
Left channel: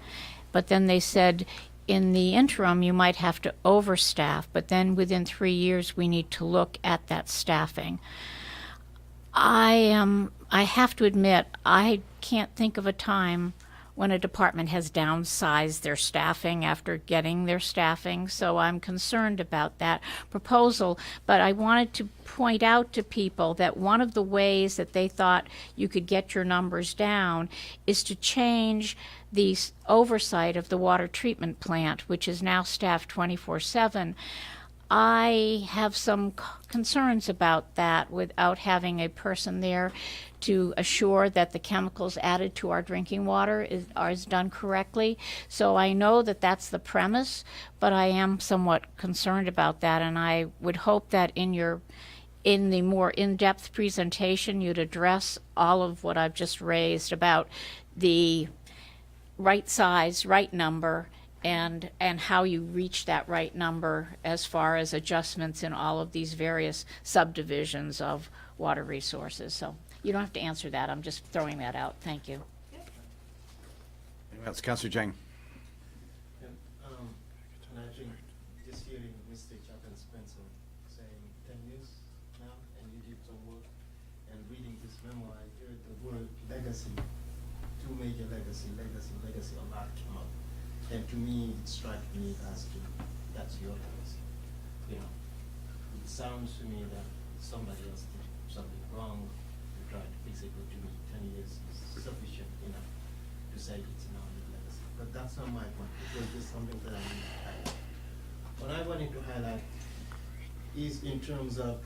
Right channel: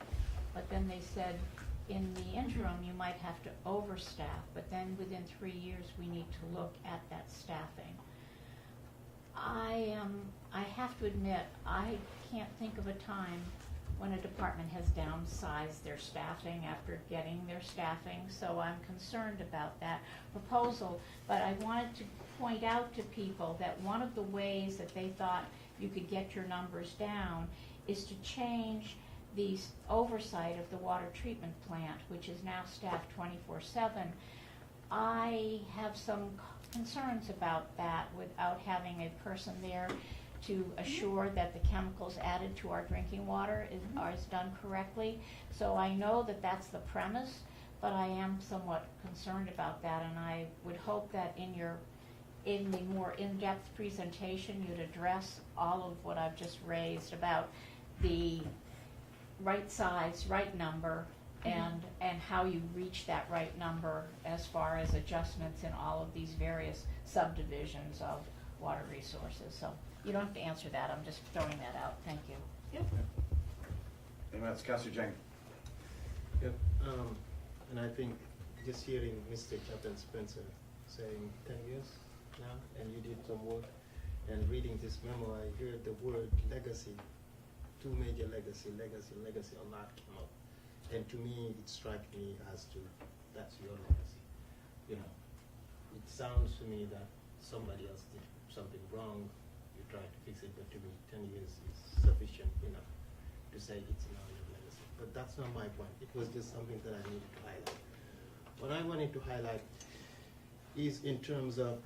But then they said, in the interim, you might have to overstaff, but then within 3 years, we need to look at that staffing. I have to admit, I can't think of a time when a department has downsized their staffing after getting their staffing, so I'm concerned about that proposal. But I wanted to point out to people that one of the ways that they thought you could get your numbers down is to change the oversight of the water treatment plant, which is now staffed 24/7. I have some concerns about that without having a person there to assure that the chemicals added to our drinking water is done correctly. So I know that that's the premise, but I am somewhat concerned about that, and I would hope that in the more in-depth presentation, you'd address all of what I've just raised about the right size, right number, and how you reach that right number as far as adjustments in all of these various subdivisions of water resources. So you don't have to answer that. I'm just throwing that out. Thank you. Anyone else? Councilor Jang. Yep. And I think just hearing Mr. Captain Spencer saying 10 years now, and you did some work, and reading this memo, I heard the word legacy, two major legacy a lot came up. And to me, it struck me as to, that's your legacy. You know, it sounds to me that somebody else did something wrong, you try to fix it, but to me, 10 years is sufficient enough to say it's now your legacy. But that's not my point. It was just something that I need to highlight. What I wanted to highlight is in terms of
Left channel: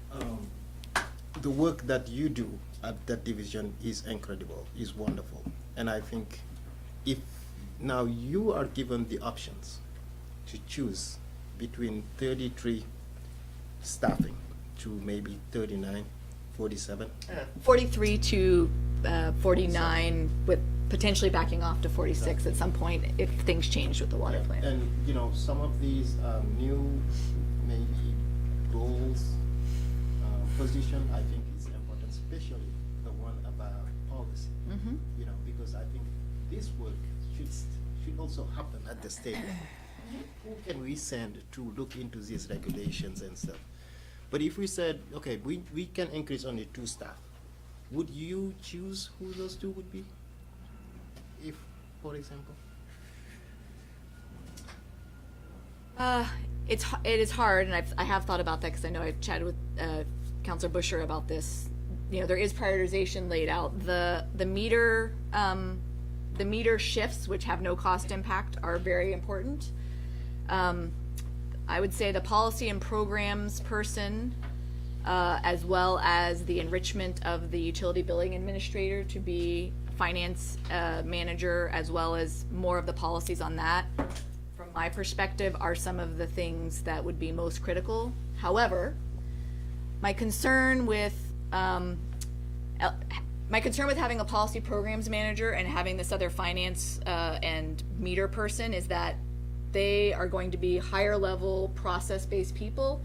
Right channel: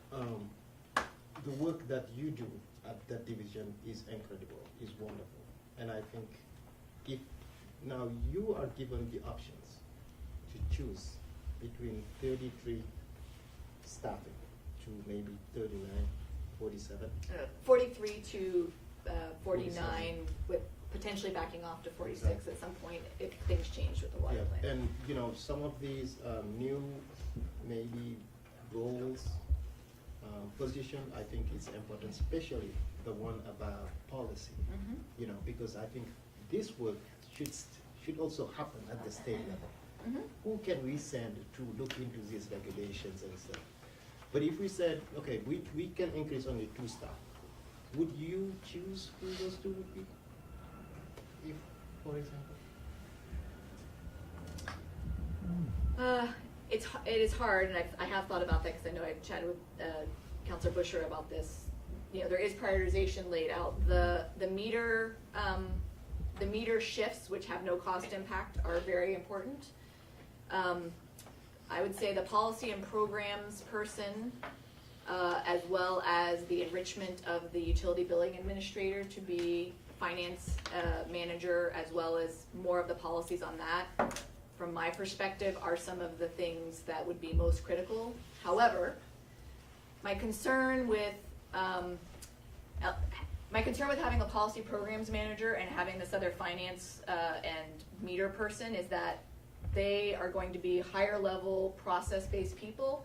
the work that you do at that division is incredible, is wonderful. And I think if now you are given the options to choose between 33 staffing to maybe 39, 47. 43 to 49, with potentially backing off to 46 at some point if things change with the water plant. And, you know, some of these new maybe roles, position, I think is important, especially the one about policy. Mhm. You know, because I think this work should also happen at the state level. Who can we send to look into these regulations and stuff? But if we said, okay, we can increase only 2 staff, would you choose who those 2 would be? If, for example? It is hard, and I have thought about that because I know I've chatted with Councilor Busher about this. You know, there is prioritization laid out. The meter shifts, which have no cost impact, are very important. I would say the policy and programs person, as well as the enrichment of the utility billing administrator to be finance manager, as well as more of the policies on that, from my perspective, are some of the things that would be most critical. However, my concern with having a policy programs manager and having this other finance and meter person is that they are going to be higher level process-based people,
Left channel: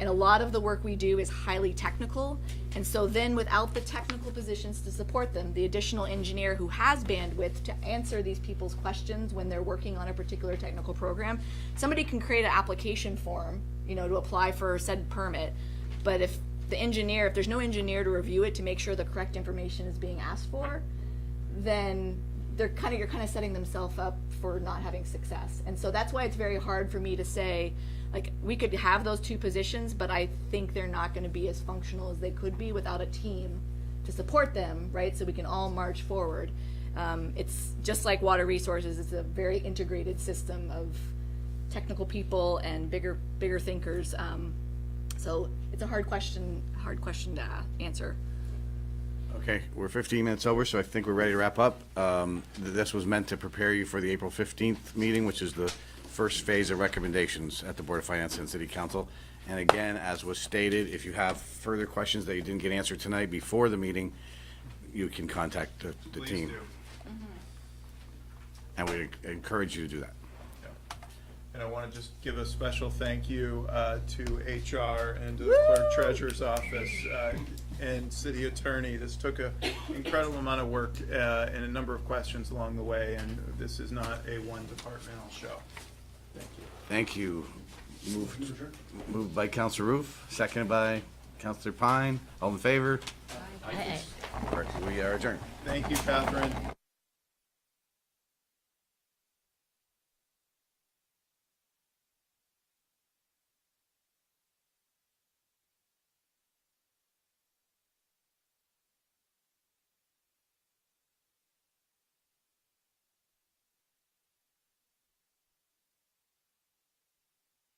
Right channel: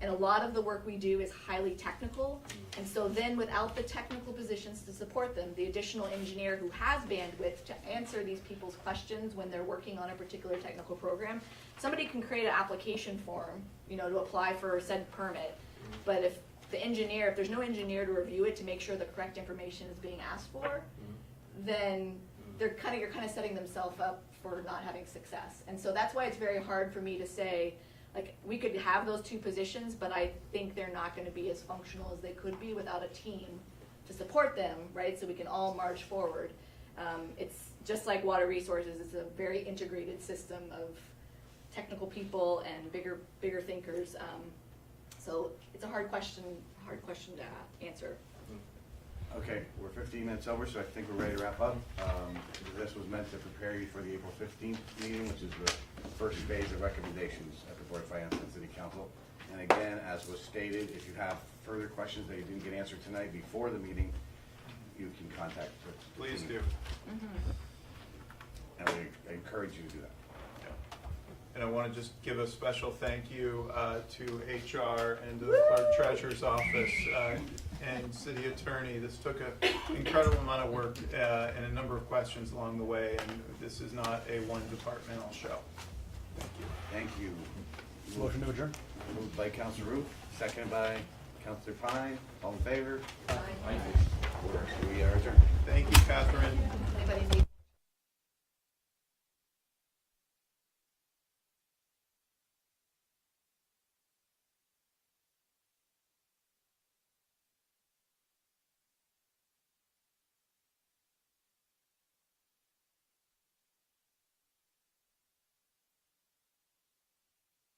and a lot of the work we do is highly technical. And so then without the technical positions to support them, the additional engineer who has bandwidth to answer these people's questions when they're working on a particular technical program, somebody can create an application form, you know, to apply for said permit. But if there's no engineer to review it to make sure the correct information is being asked for, then you're kind of setting themselves up for not having success. And so that's why it's very hard for me to say, like, we could have those two positions, but I think they're not going to be as functional as they could be without a team to support them, right? So we can all march forward. It's just like water resources. It's a very integrated system of technical people and bigger thinkers. So it's a hard question to answer. Okay, we're 15 minutes over, so I think we're ready to wrap up. This was meant to prepare you for the April 15th meeting, which is the first phase of recommendations at the Board of Finance and City Council. And again, as was stated, if you have further questions that you didn't get answered tonight before the meeting, you can contact the Please team. do. And we encourage you to do that. And I want to just give a special thank you to HR and to the clerk treasurer's office and city attorney. This took an incredible amount of work and a number of questions along the way, and this is not a one-departmental show. Thank you. Thank you. Motion to adjourn. Moved by Counselor Roof, seconded by Counselor Pine. All in favor? Aye. We are adjourned. Thank you, Catherine.